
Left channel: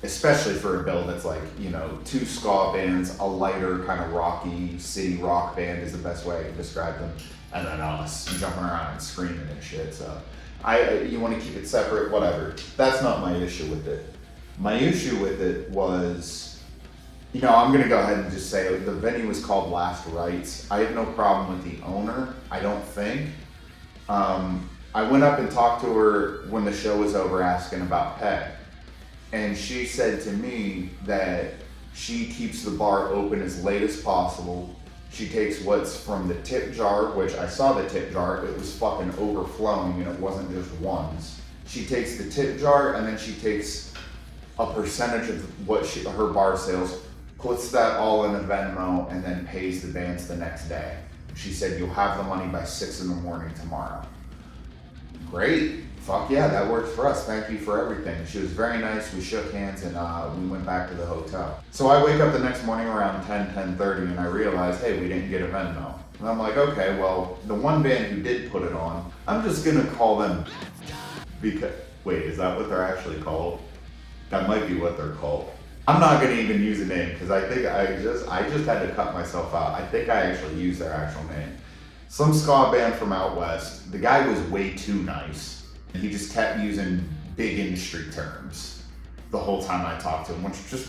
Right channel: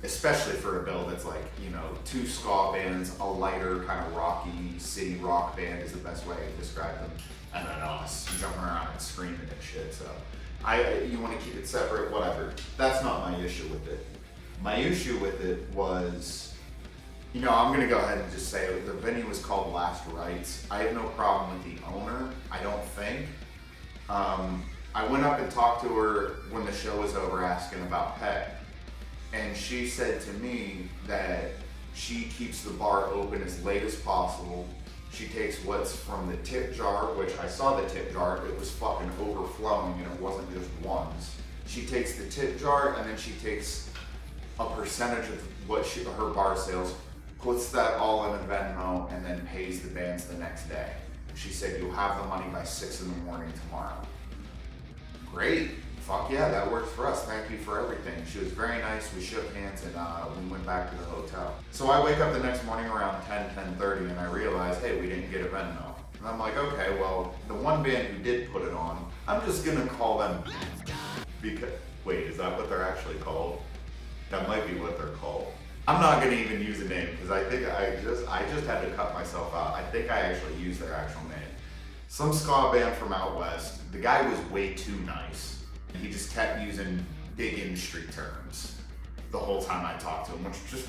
Especially for a bill that's like, you know, 2 ska bands, a lighter kind of rocky city rock band is the best way I can describe them. And then us jumping around and screaming and shit. So you want to keep it separate, whatever. That's not my issue with it. My issue with it was, you know, I'm gonna go ahead and just say the venue was called Last Rites. I have no problem with the owner, I don't think. I went up and talked to her when the show was over asking about pay. And she said to me that she keeps the bar open as late as possible. She takes what's from the tip jar, which I saw the tip jar, it was fucking overflowing and it wasn't just ones. She takes the tip jar and then she takes a percentage of what her bar sales, puts that all in a Venmo and then pays the bands the next day. She said, you'll have the money by 6 in the morning tomorrow. Great, fuck yeah, that works for us. Thank you for everything. She was very nice, we shook hands and we went back to the hotel. So I wake up the next morning around 10:30 and I realize, hey, we didn't get a Venmo. And I'm like, okay, well, the one band who did put it on, I'm just gonna call them because, wait, is that what they're actually called? That might be what they're called. I'm not gonna even use a name because I think I just had to cut myself out. I think I actually used their actual name. Some ska band from out west. The guy was way too nice. He just kept using big industry terms the whole time I talked to him, which just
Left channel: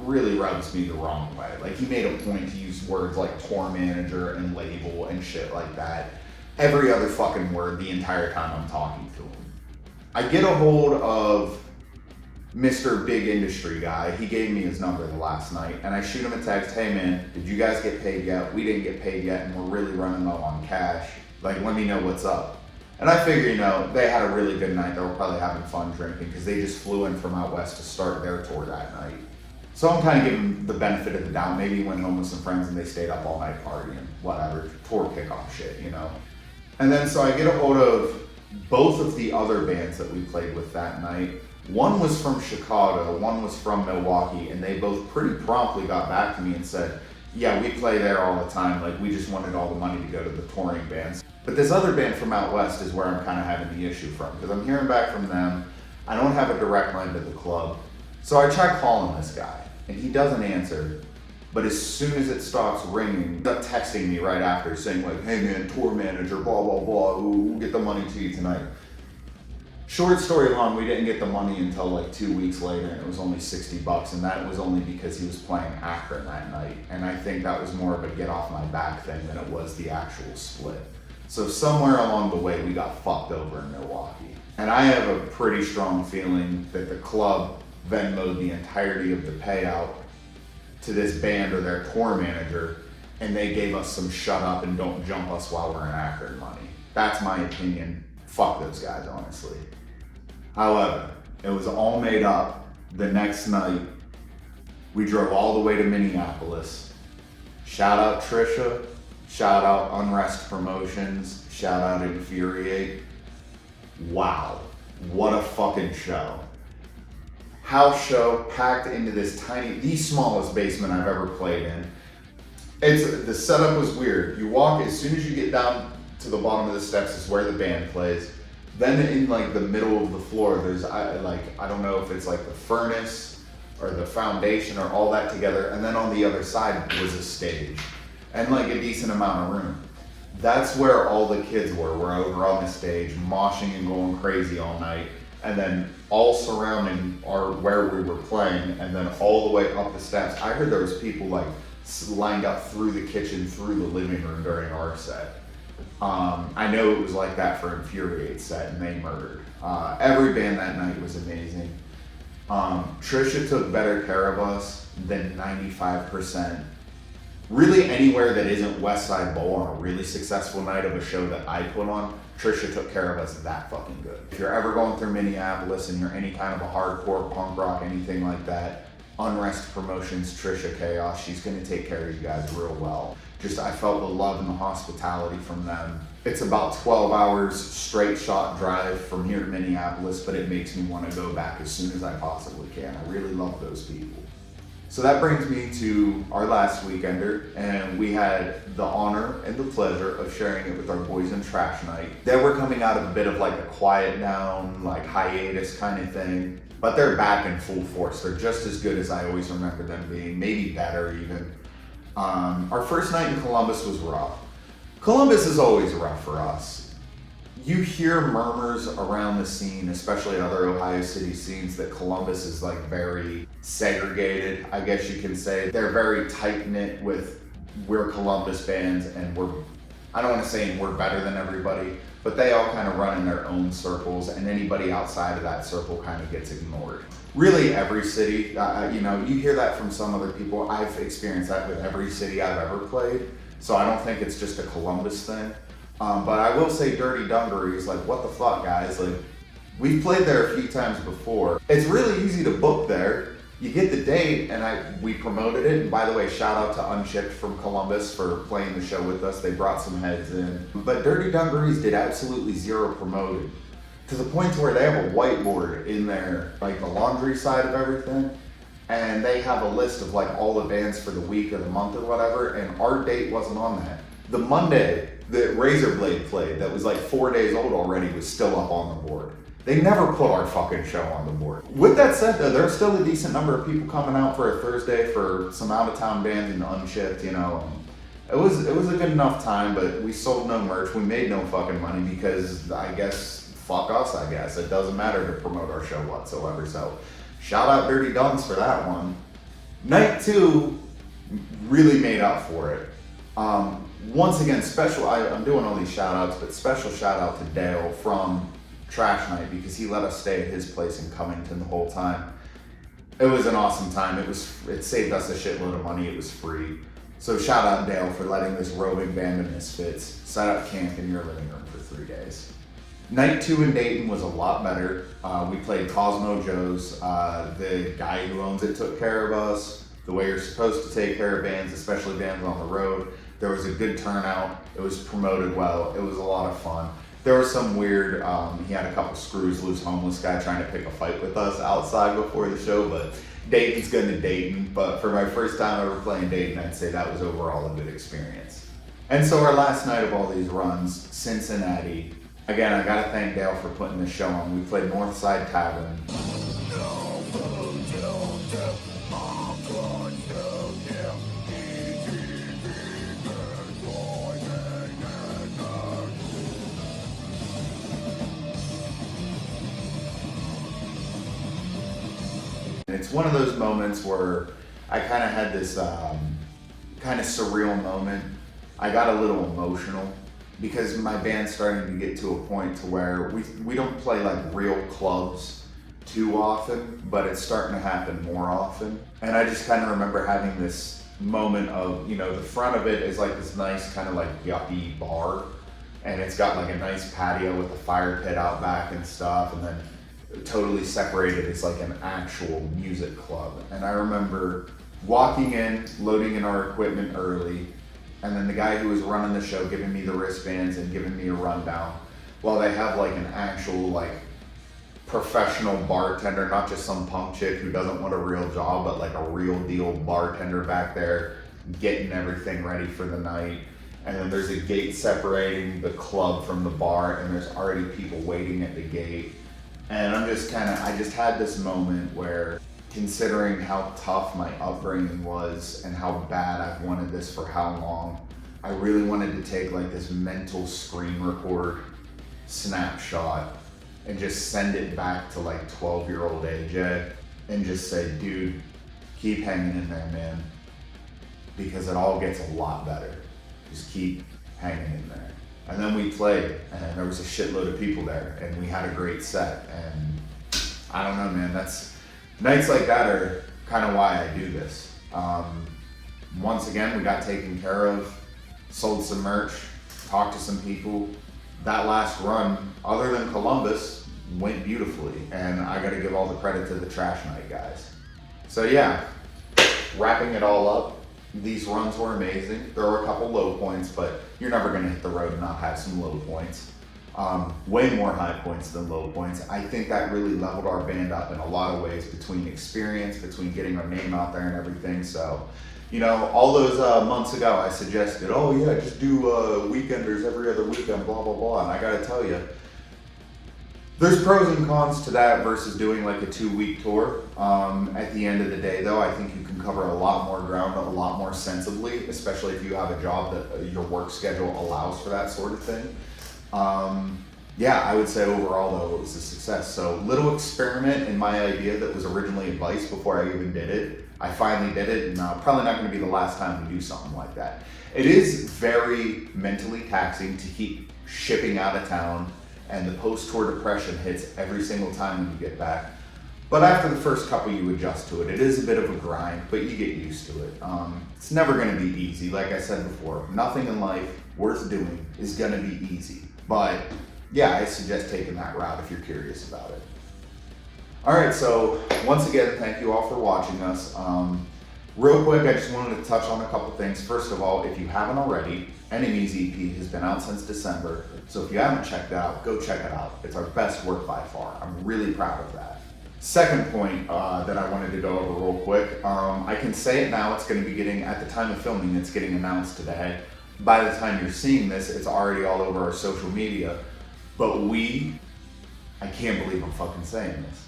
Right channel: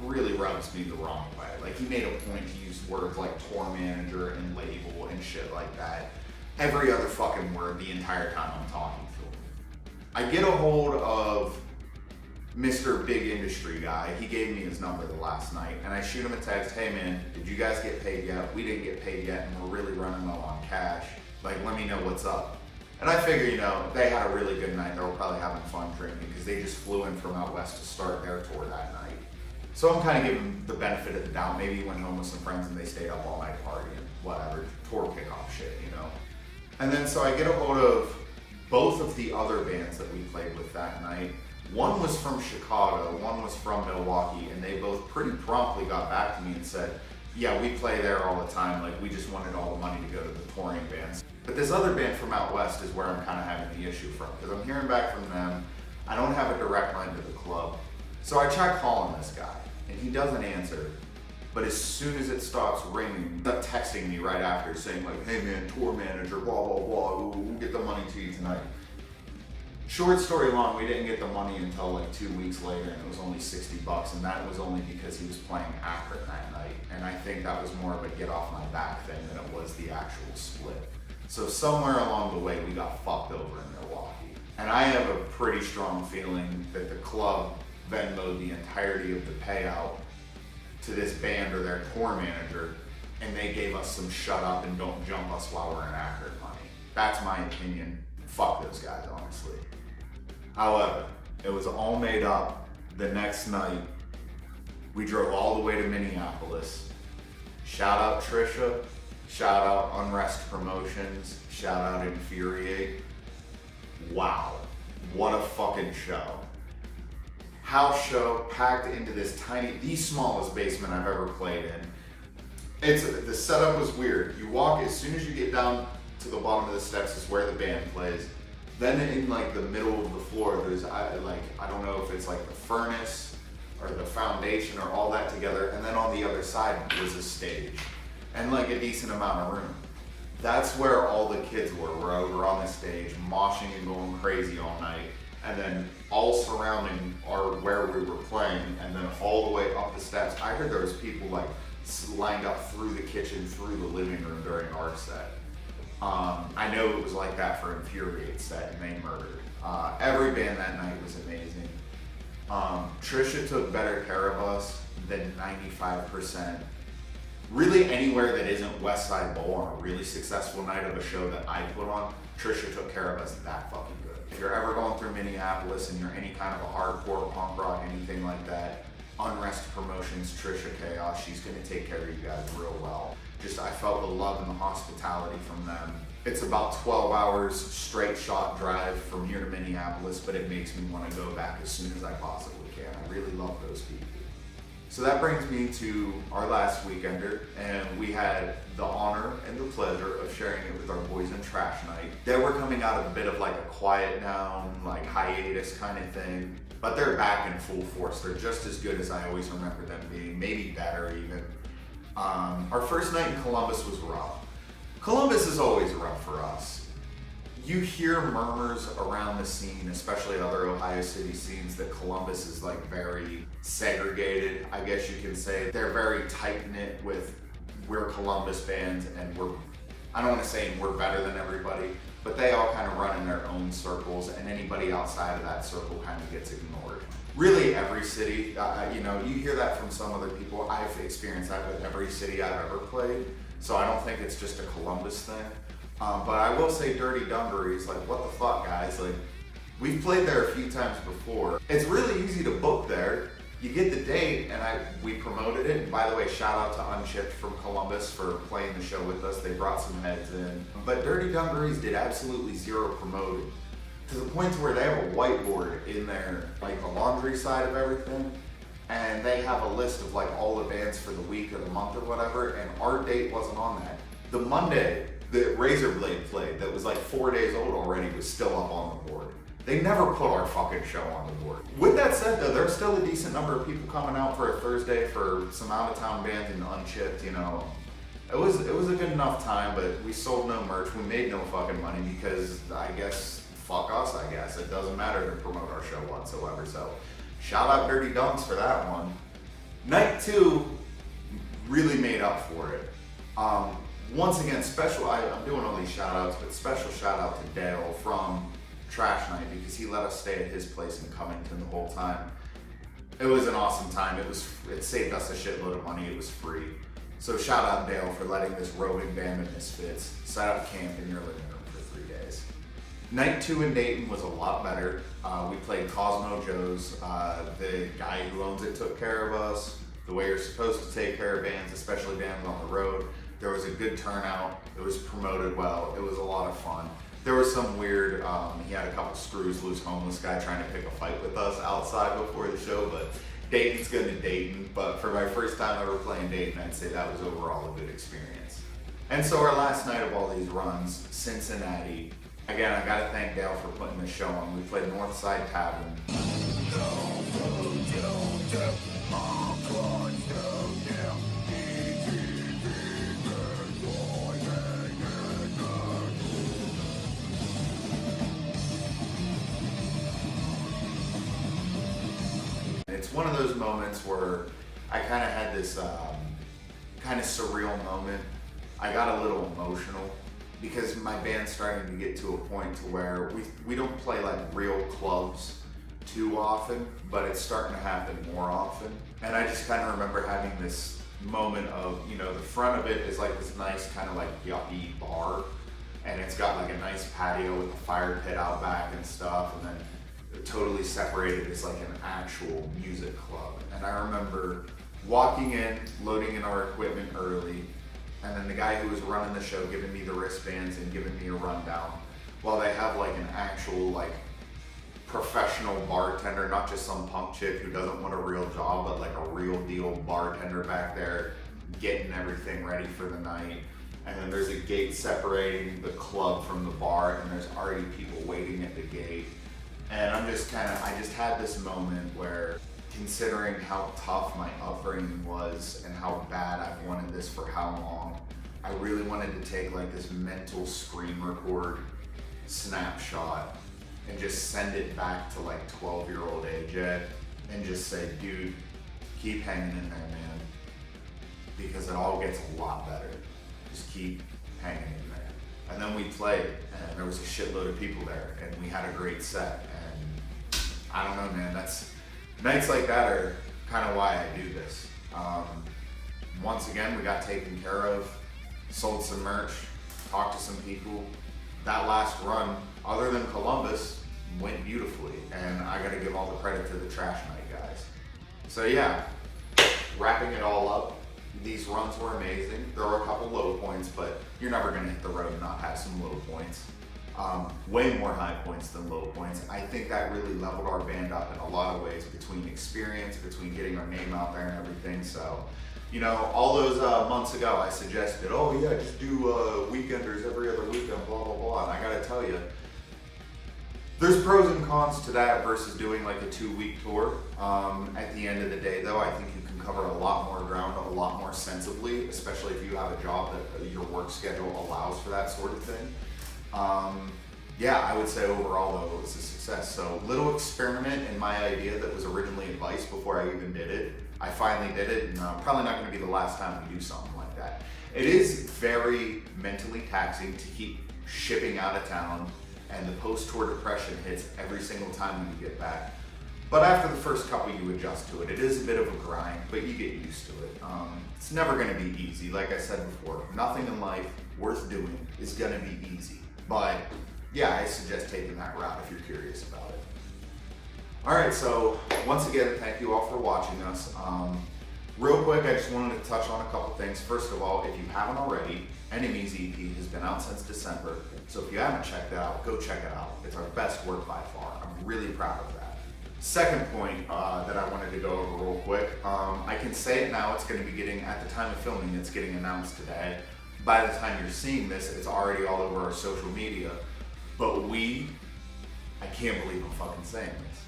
really rubs me the wrong way. Like, he made a point to use words like tour manager and label and shit like that. Every other fucking word the entire time I'm talking to him. I get a hold of Mr. Big Industry Guy. He gave me his number the last night, and I shoot him a text, hey man, did you guys get paid yet? We didn't get paid yet, and we're really running low on cash. Like, let me know what's up. And I figure, they had a really good night. They were probably having fun drinking because they just flew in from out west to start their tour that night. So I'm kind of giving them the benefit of the doubt. Maybe he went home with some friends and they stayed up all night partying, whatever, tour kickoff shit, And then so I get a hold of both of the other bands that we played with that night. One was from Chicago, one was from Milwaukee, and they both pretty promptly got back to me and said, yeah, we play there all the time, like we just wanted all the money to go to the touring bands. But this other band from out west is where I'm kind of having the issue from, because I'm hearing back from them. I don't have a direct line to the club. So I try calling this guy, and he doesn't answer. But as soon as it stops ringing, they're texting me right after saying like, hey man, tour manager, blah, blah, blah, we'll get the money to you tonight. Short story long, we didn't get the money until like 2 weeks later, and it was only $60, and that was only because he was playing Akron that night. And I think that was more of a get off my back thing than it was the actual split. So somewhere along the way, we got fucked over in Milwaukee. And I have a pretty strong feeling that the club Venmo'd the entirety of the payout to this band or their tour manager, and they gave us some shut up and don't jump us while we're in Akron money. That's my opinion. Fuck those guys, honestly. However, it was all made up. The next night, we drove all the way to Minneapolis. Shout out Trisha, shout out Unrest Promotions, shout out Infuriate. Wow, what a fucking show. House show packed into this the smallest basement I've ever played in. The setup was weird. You walk, as soon as you get down to the bottom of the steps is where the band plays. Then in like the middle of the floor, there's I don't know if it's like the furnace or the foundation or all that together. And then on the other side was a stage and like a decent amount of room. That's where all the kids were over on the stage, moshing and going crazy all night. And then all surrounding where we were playing, and then all the way up the steps. I heard there was people like lined up through the kitchen, through the living room during our set. I know it was like that for Infuriate set, and they murdered. Every band that night was amazing. Trisha took better care of us than 95%. Really anywhere that isn't West Side Bowl on a really successful night of a show that I put on, Trisha took care of us that fucking good. If you're ever going through Minneapolis and you're any kind of a hardcore punk rock, anything like that, Unrest Promotions, Trisha Chaos, she's gonna take care of you guys real well. I felt the love and the hospitality from them. It's about 12 hours straight shot drive from here to Minneapolis, but it makes me want to go back as soon as I possibly can. I really love those people. So that brings me to our last weekender, and we had the honor and the pleasure of sharing it with our boys in Trash Night. They were coming out of a bit of like a quiet down, like hiatus kind of thing, but they're back in full force. They're just as good as I always remember them being, maybe better even. Our first night in Columbus was rough. Columbus is always rough for us. You hear murmurs around the scene, especially other Ohio City scenes, that Columbus is like very segregated, I guess you can say. They're very tight-knit with we're Columbus bands, and I don't want to say we're better than everybody, but they all kind of run in their own circles, and anybody outside of that circle kind of gets ignored. Really every city, you hear that from some other people. I've experienced that with every city I've ever played, so I don't think it's just a Columbus thing. But I will say Dirty Dungaree is like, what the fuck, guys? Like, we've played there a few times before. It's really easy to book there. You get the date, and we promoted it. And by the way, shout out to Unshipped from Columbus for playing the show with us. They brought some heads in. But Dirty Dungarees did absolutely zero promoting, to the point where they have a whiteboard in there, like the laundry side of everything. And they have a list of like all the bands for the week or the month or whatever, and our date wasn't on that. The Monday that Razorblade played, that was like 4 days old already, was still up on the board. They never put our fucking show on the board. With that said though, there's still a decent number of people coming out for a Thursday for some out-of-town bands and Unshipped, It was a good enough time, but we sold no merch. We made no fucking money because I guess, fuck us, I guess. It doesn't matter to promote our show whatsoever. So shout out Dirty Dunks for that one. Night 2 really made up for it. Once again, I'm doing all these shout outs, but special shout out to Dale from Trash Night because he let us stay at his place in Covington the whole time. It was an awesome time. It saved us a shitload of money. It was free. So shout out Dale for letting this roving band of misfits set up camp in your living room for 3 days. Night 2 in Dayton was a lot better. We played Cosmo Joe's. The guy who owns it took care of us the way you're supposed to take care of bands, especially bands on the road. There was a good turnout. It was promoted well. It was a lot of fun. There was some weird, he had a couple screws loose homeless guy trying to pick a fight with us outside before the show, but Dayton's good to Dayton. But for my first time ever playing Dayton, I'd say that was overall a good experience. And so our last night of all these runs, Cincinnati. Again, I gotta thank Dale for putting this show on. We played Northside Tavern. It's one of those moments where I kind of had this kind of surreal moment. I got a little emotional because my band's starting to get to a point to where we don't play like real clubs too often, but it's starting to happen more often. And I just kind of remember having this moment of, the front of it is like this nice kind of like yuppie bar, and it's got like a nice patio with a fire pit out back and stuff, and then totally separated is like an actual music club. And I remember walking in, loading in our equipment early, and then the guy who was running the show giving me the wristbands and giving me a rundown while they have like an actual like professional bartender, not just some punk chick who doesn't want a real job, but like a real deal bartender back there getting everything ready for the night. And then there's a gate separating the club from the bar, and there's already people waiting at the gate. And I just had this moment where, considering how tough my upbringing was and how bad I've wanted this for how long, I really wanted to take like this mental screen record snapshot and just send it back to like 12-year-old AJ and just say, dude, keep hanging in there, man, because it all gets a lot better. Just keep hanging in there. And then we played, and there was a shitload of people there, and we had a great set. And I don't know, man, nights like that are kind of why I do this. Once again, we got taken care of, sold some merch, talked to some people. That last run, other than Columbus, went beautifully, and I gotta give all the credit to the Trash Night guys. So yeah, wrapping it all up, these runs were amazing. There were a couple low points, but you're never gonna hit the road and not have some low points. Way more high points than low points. I think that really leveled our band up in a lot of ways, between experience, between getting our name out there and everything. So, all those months ago, I suggested, oh yeah, just do weekenders every other weekend, blah, blah, blah. And I gotta tell you, there's pros and cons to that versus doing like a 2-week tour. At the end of the day though, I think you can cover a lot more ground a lot more sensibly, especially if you have a job that your work schedule allows for that sort of thing. Yeah, I would say overall though, it was a success. So little experiment in my idea that was originally advice before I even did it. I finally did it, and probably not gonna be the last time we do something like that. It is very mentally taxing to keep shipping out of town, and the post-tour depression hits every single time when you get back. But after the first couple, you adjust to it. It is a bit of a grind, but you get used to it. It's never gonna be easy. Like I said before, nothing in life worth doing is gonna be easy. But yeah, I suggest taking that route if you're curious about it. All right, so once again, thank you all for watching us. Real quick, I just wanted to touch on a couple things. First of all, if you haven't already, Enemies EP has been out since December. So if you haven't checked it out, go check it out. It's our best work by far. I'm really proud of that. Second point that I wanted to go over real quick. I can say it now, it's gonna be getting, at the time of filming, it's getting announced today. By the time you're seeing this, it's already all over our social media. But I can't believe I'm fucking saying this.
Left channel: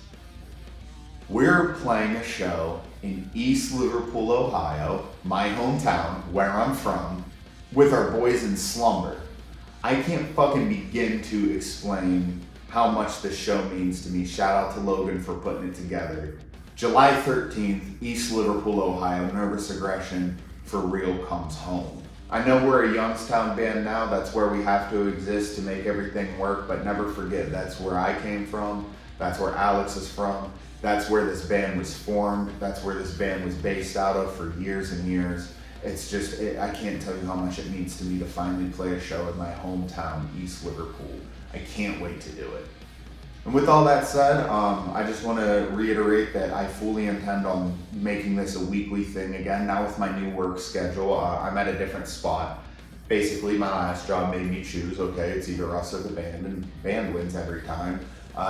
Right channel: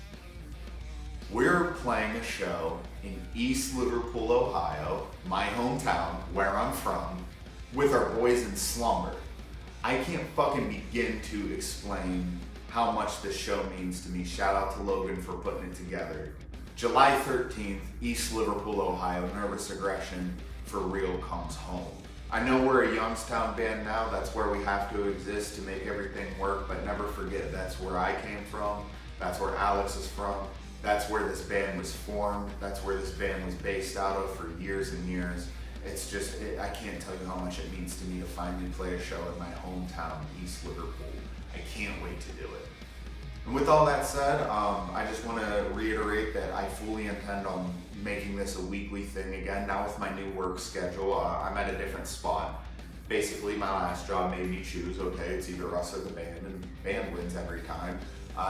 We're playing a show in East Liverpool, Ohio, my hometown, where I'm from, with our boys in Slumber. I can't fucking begin to explain how much this show means to me. Shout out to Logan for putting it together. July 13th, East Liverpool, Ohio, Nervous Aggression for Real comes home. I know we're a Youngstown band now, that's where we have to exist to make everything work, but never forget that's where I came from, that's where Alex is from, that's where this band was formed, that's where this band was based out of for years and years. It's just, I can't tell you how much it means to me to finally play a show in my hometown, East Liverpool. I can't wait to do it. And with all that said, I just want to reiterate that I fully intend on making this a weekly thing again. Now with my new work schedule, I'm at a different spot. Basically, my last job made me choose, okay, it's either us or the band, and band wins every time.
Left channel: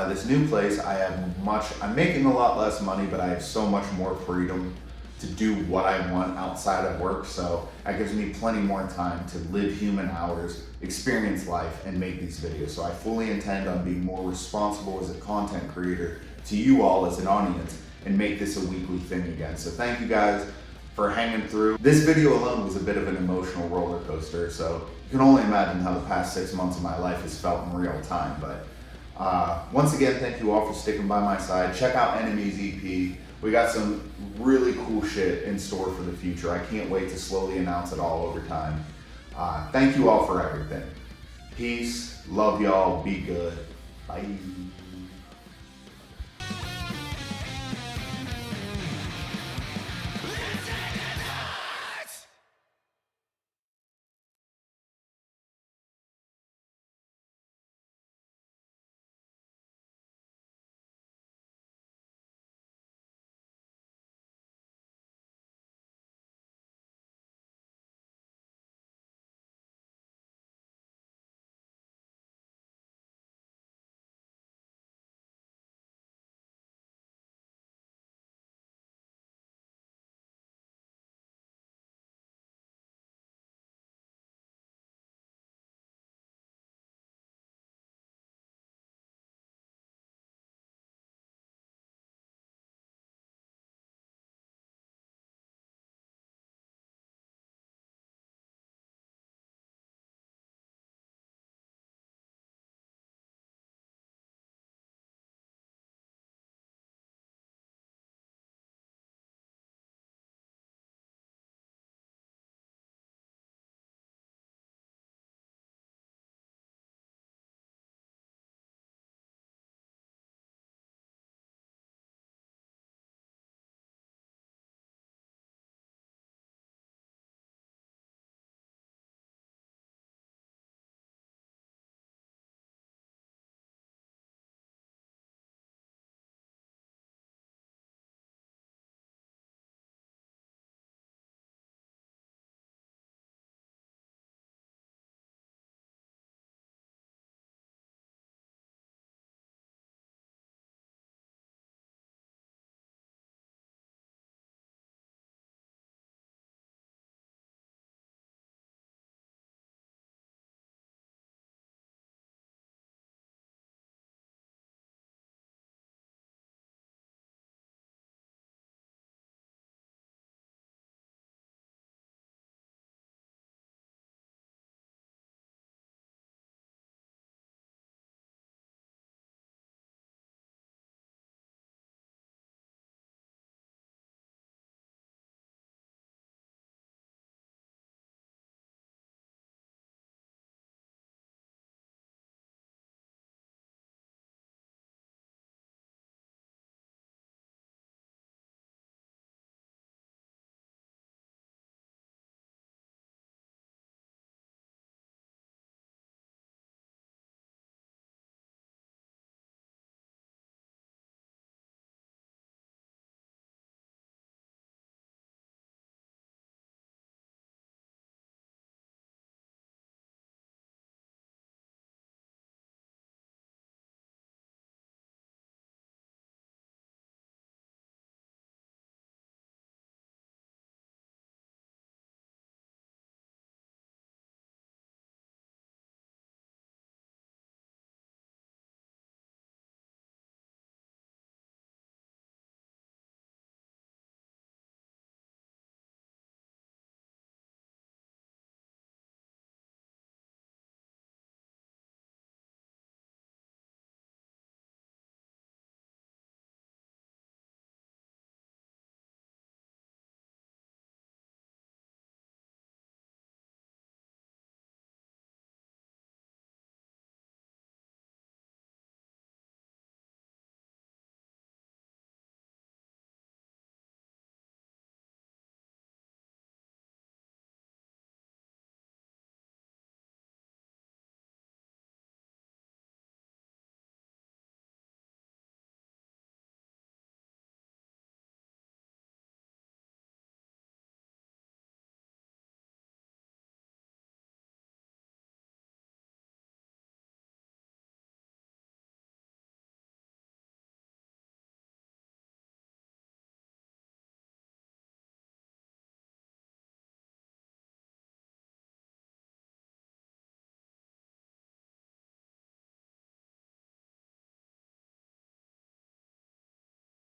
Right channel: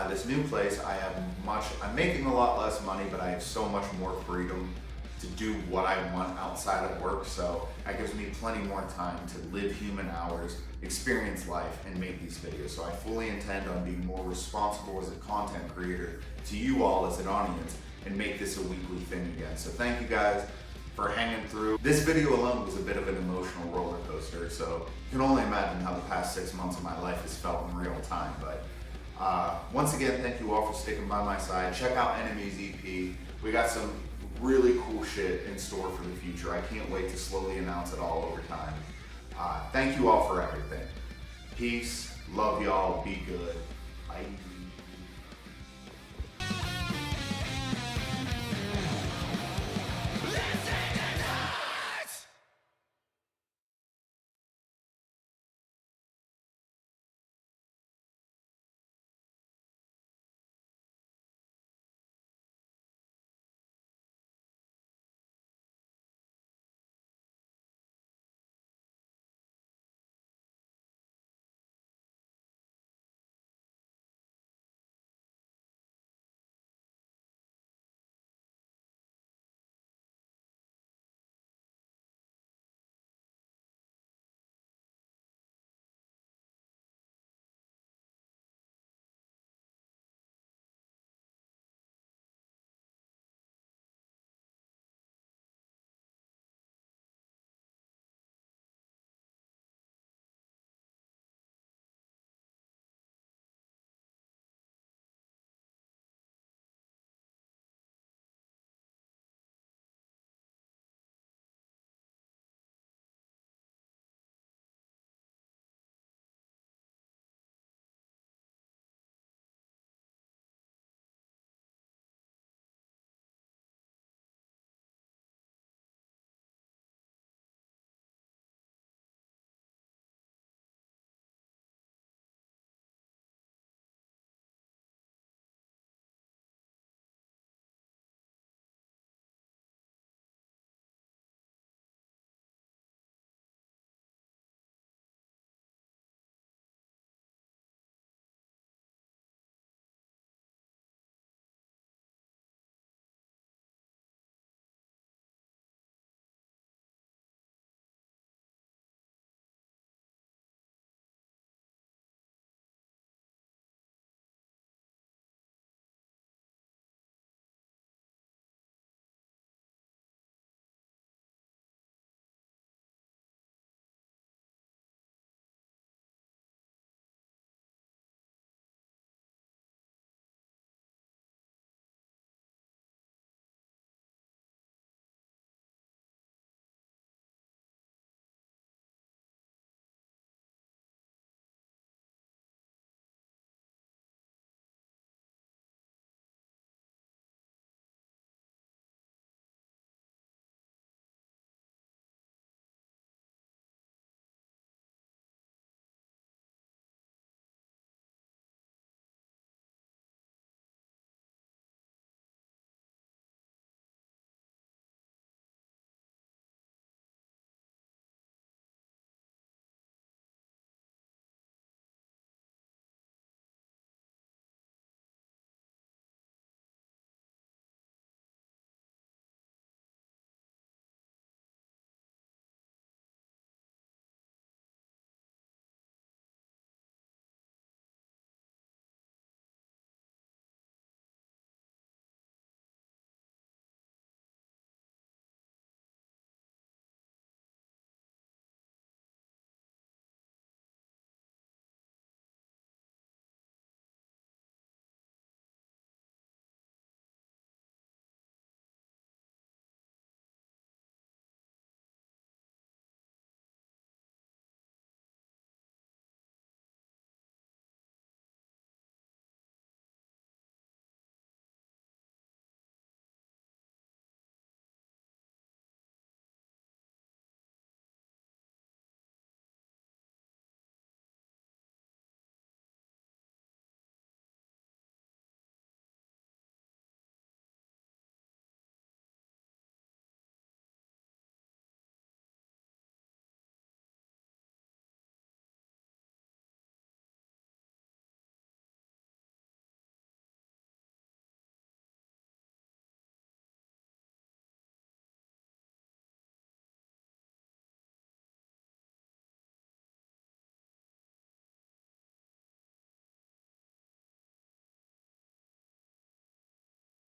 This new place, I'm making a lot less money, but I have so much more freedom to do what I want outside of work, so that gives me plenty more time to live human hours, experience life, and make these videos. So I fully intend on being more responsible as a content creator to you all as an audience and make this a weekly thing again. So thank you guys for hanging through. This video alone was a bit of an emotional roller coaster, so you can only imagine how the past 6 months of my life has felt in real time. But once again, thank you all for sticking by my side. Check out Enemies EP. We got some really cool shit in store for the future. I can't wait to slowly announce it all over time. Thank you all for everything. Peace, love y'all, be good, bye.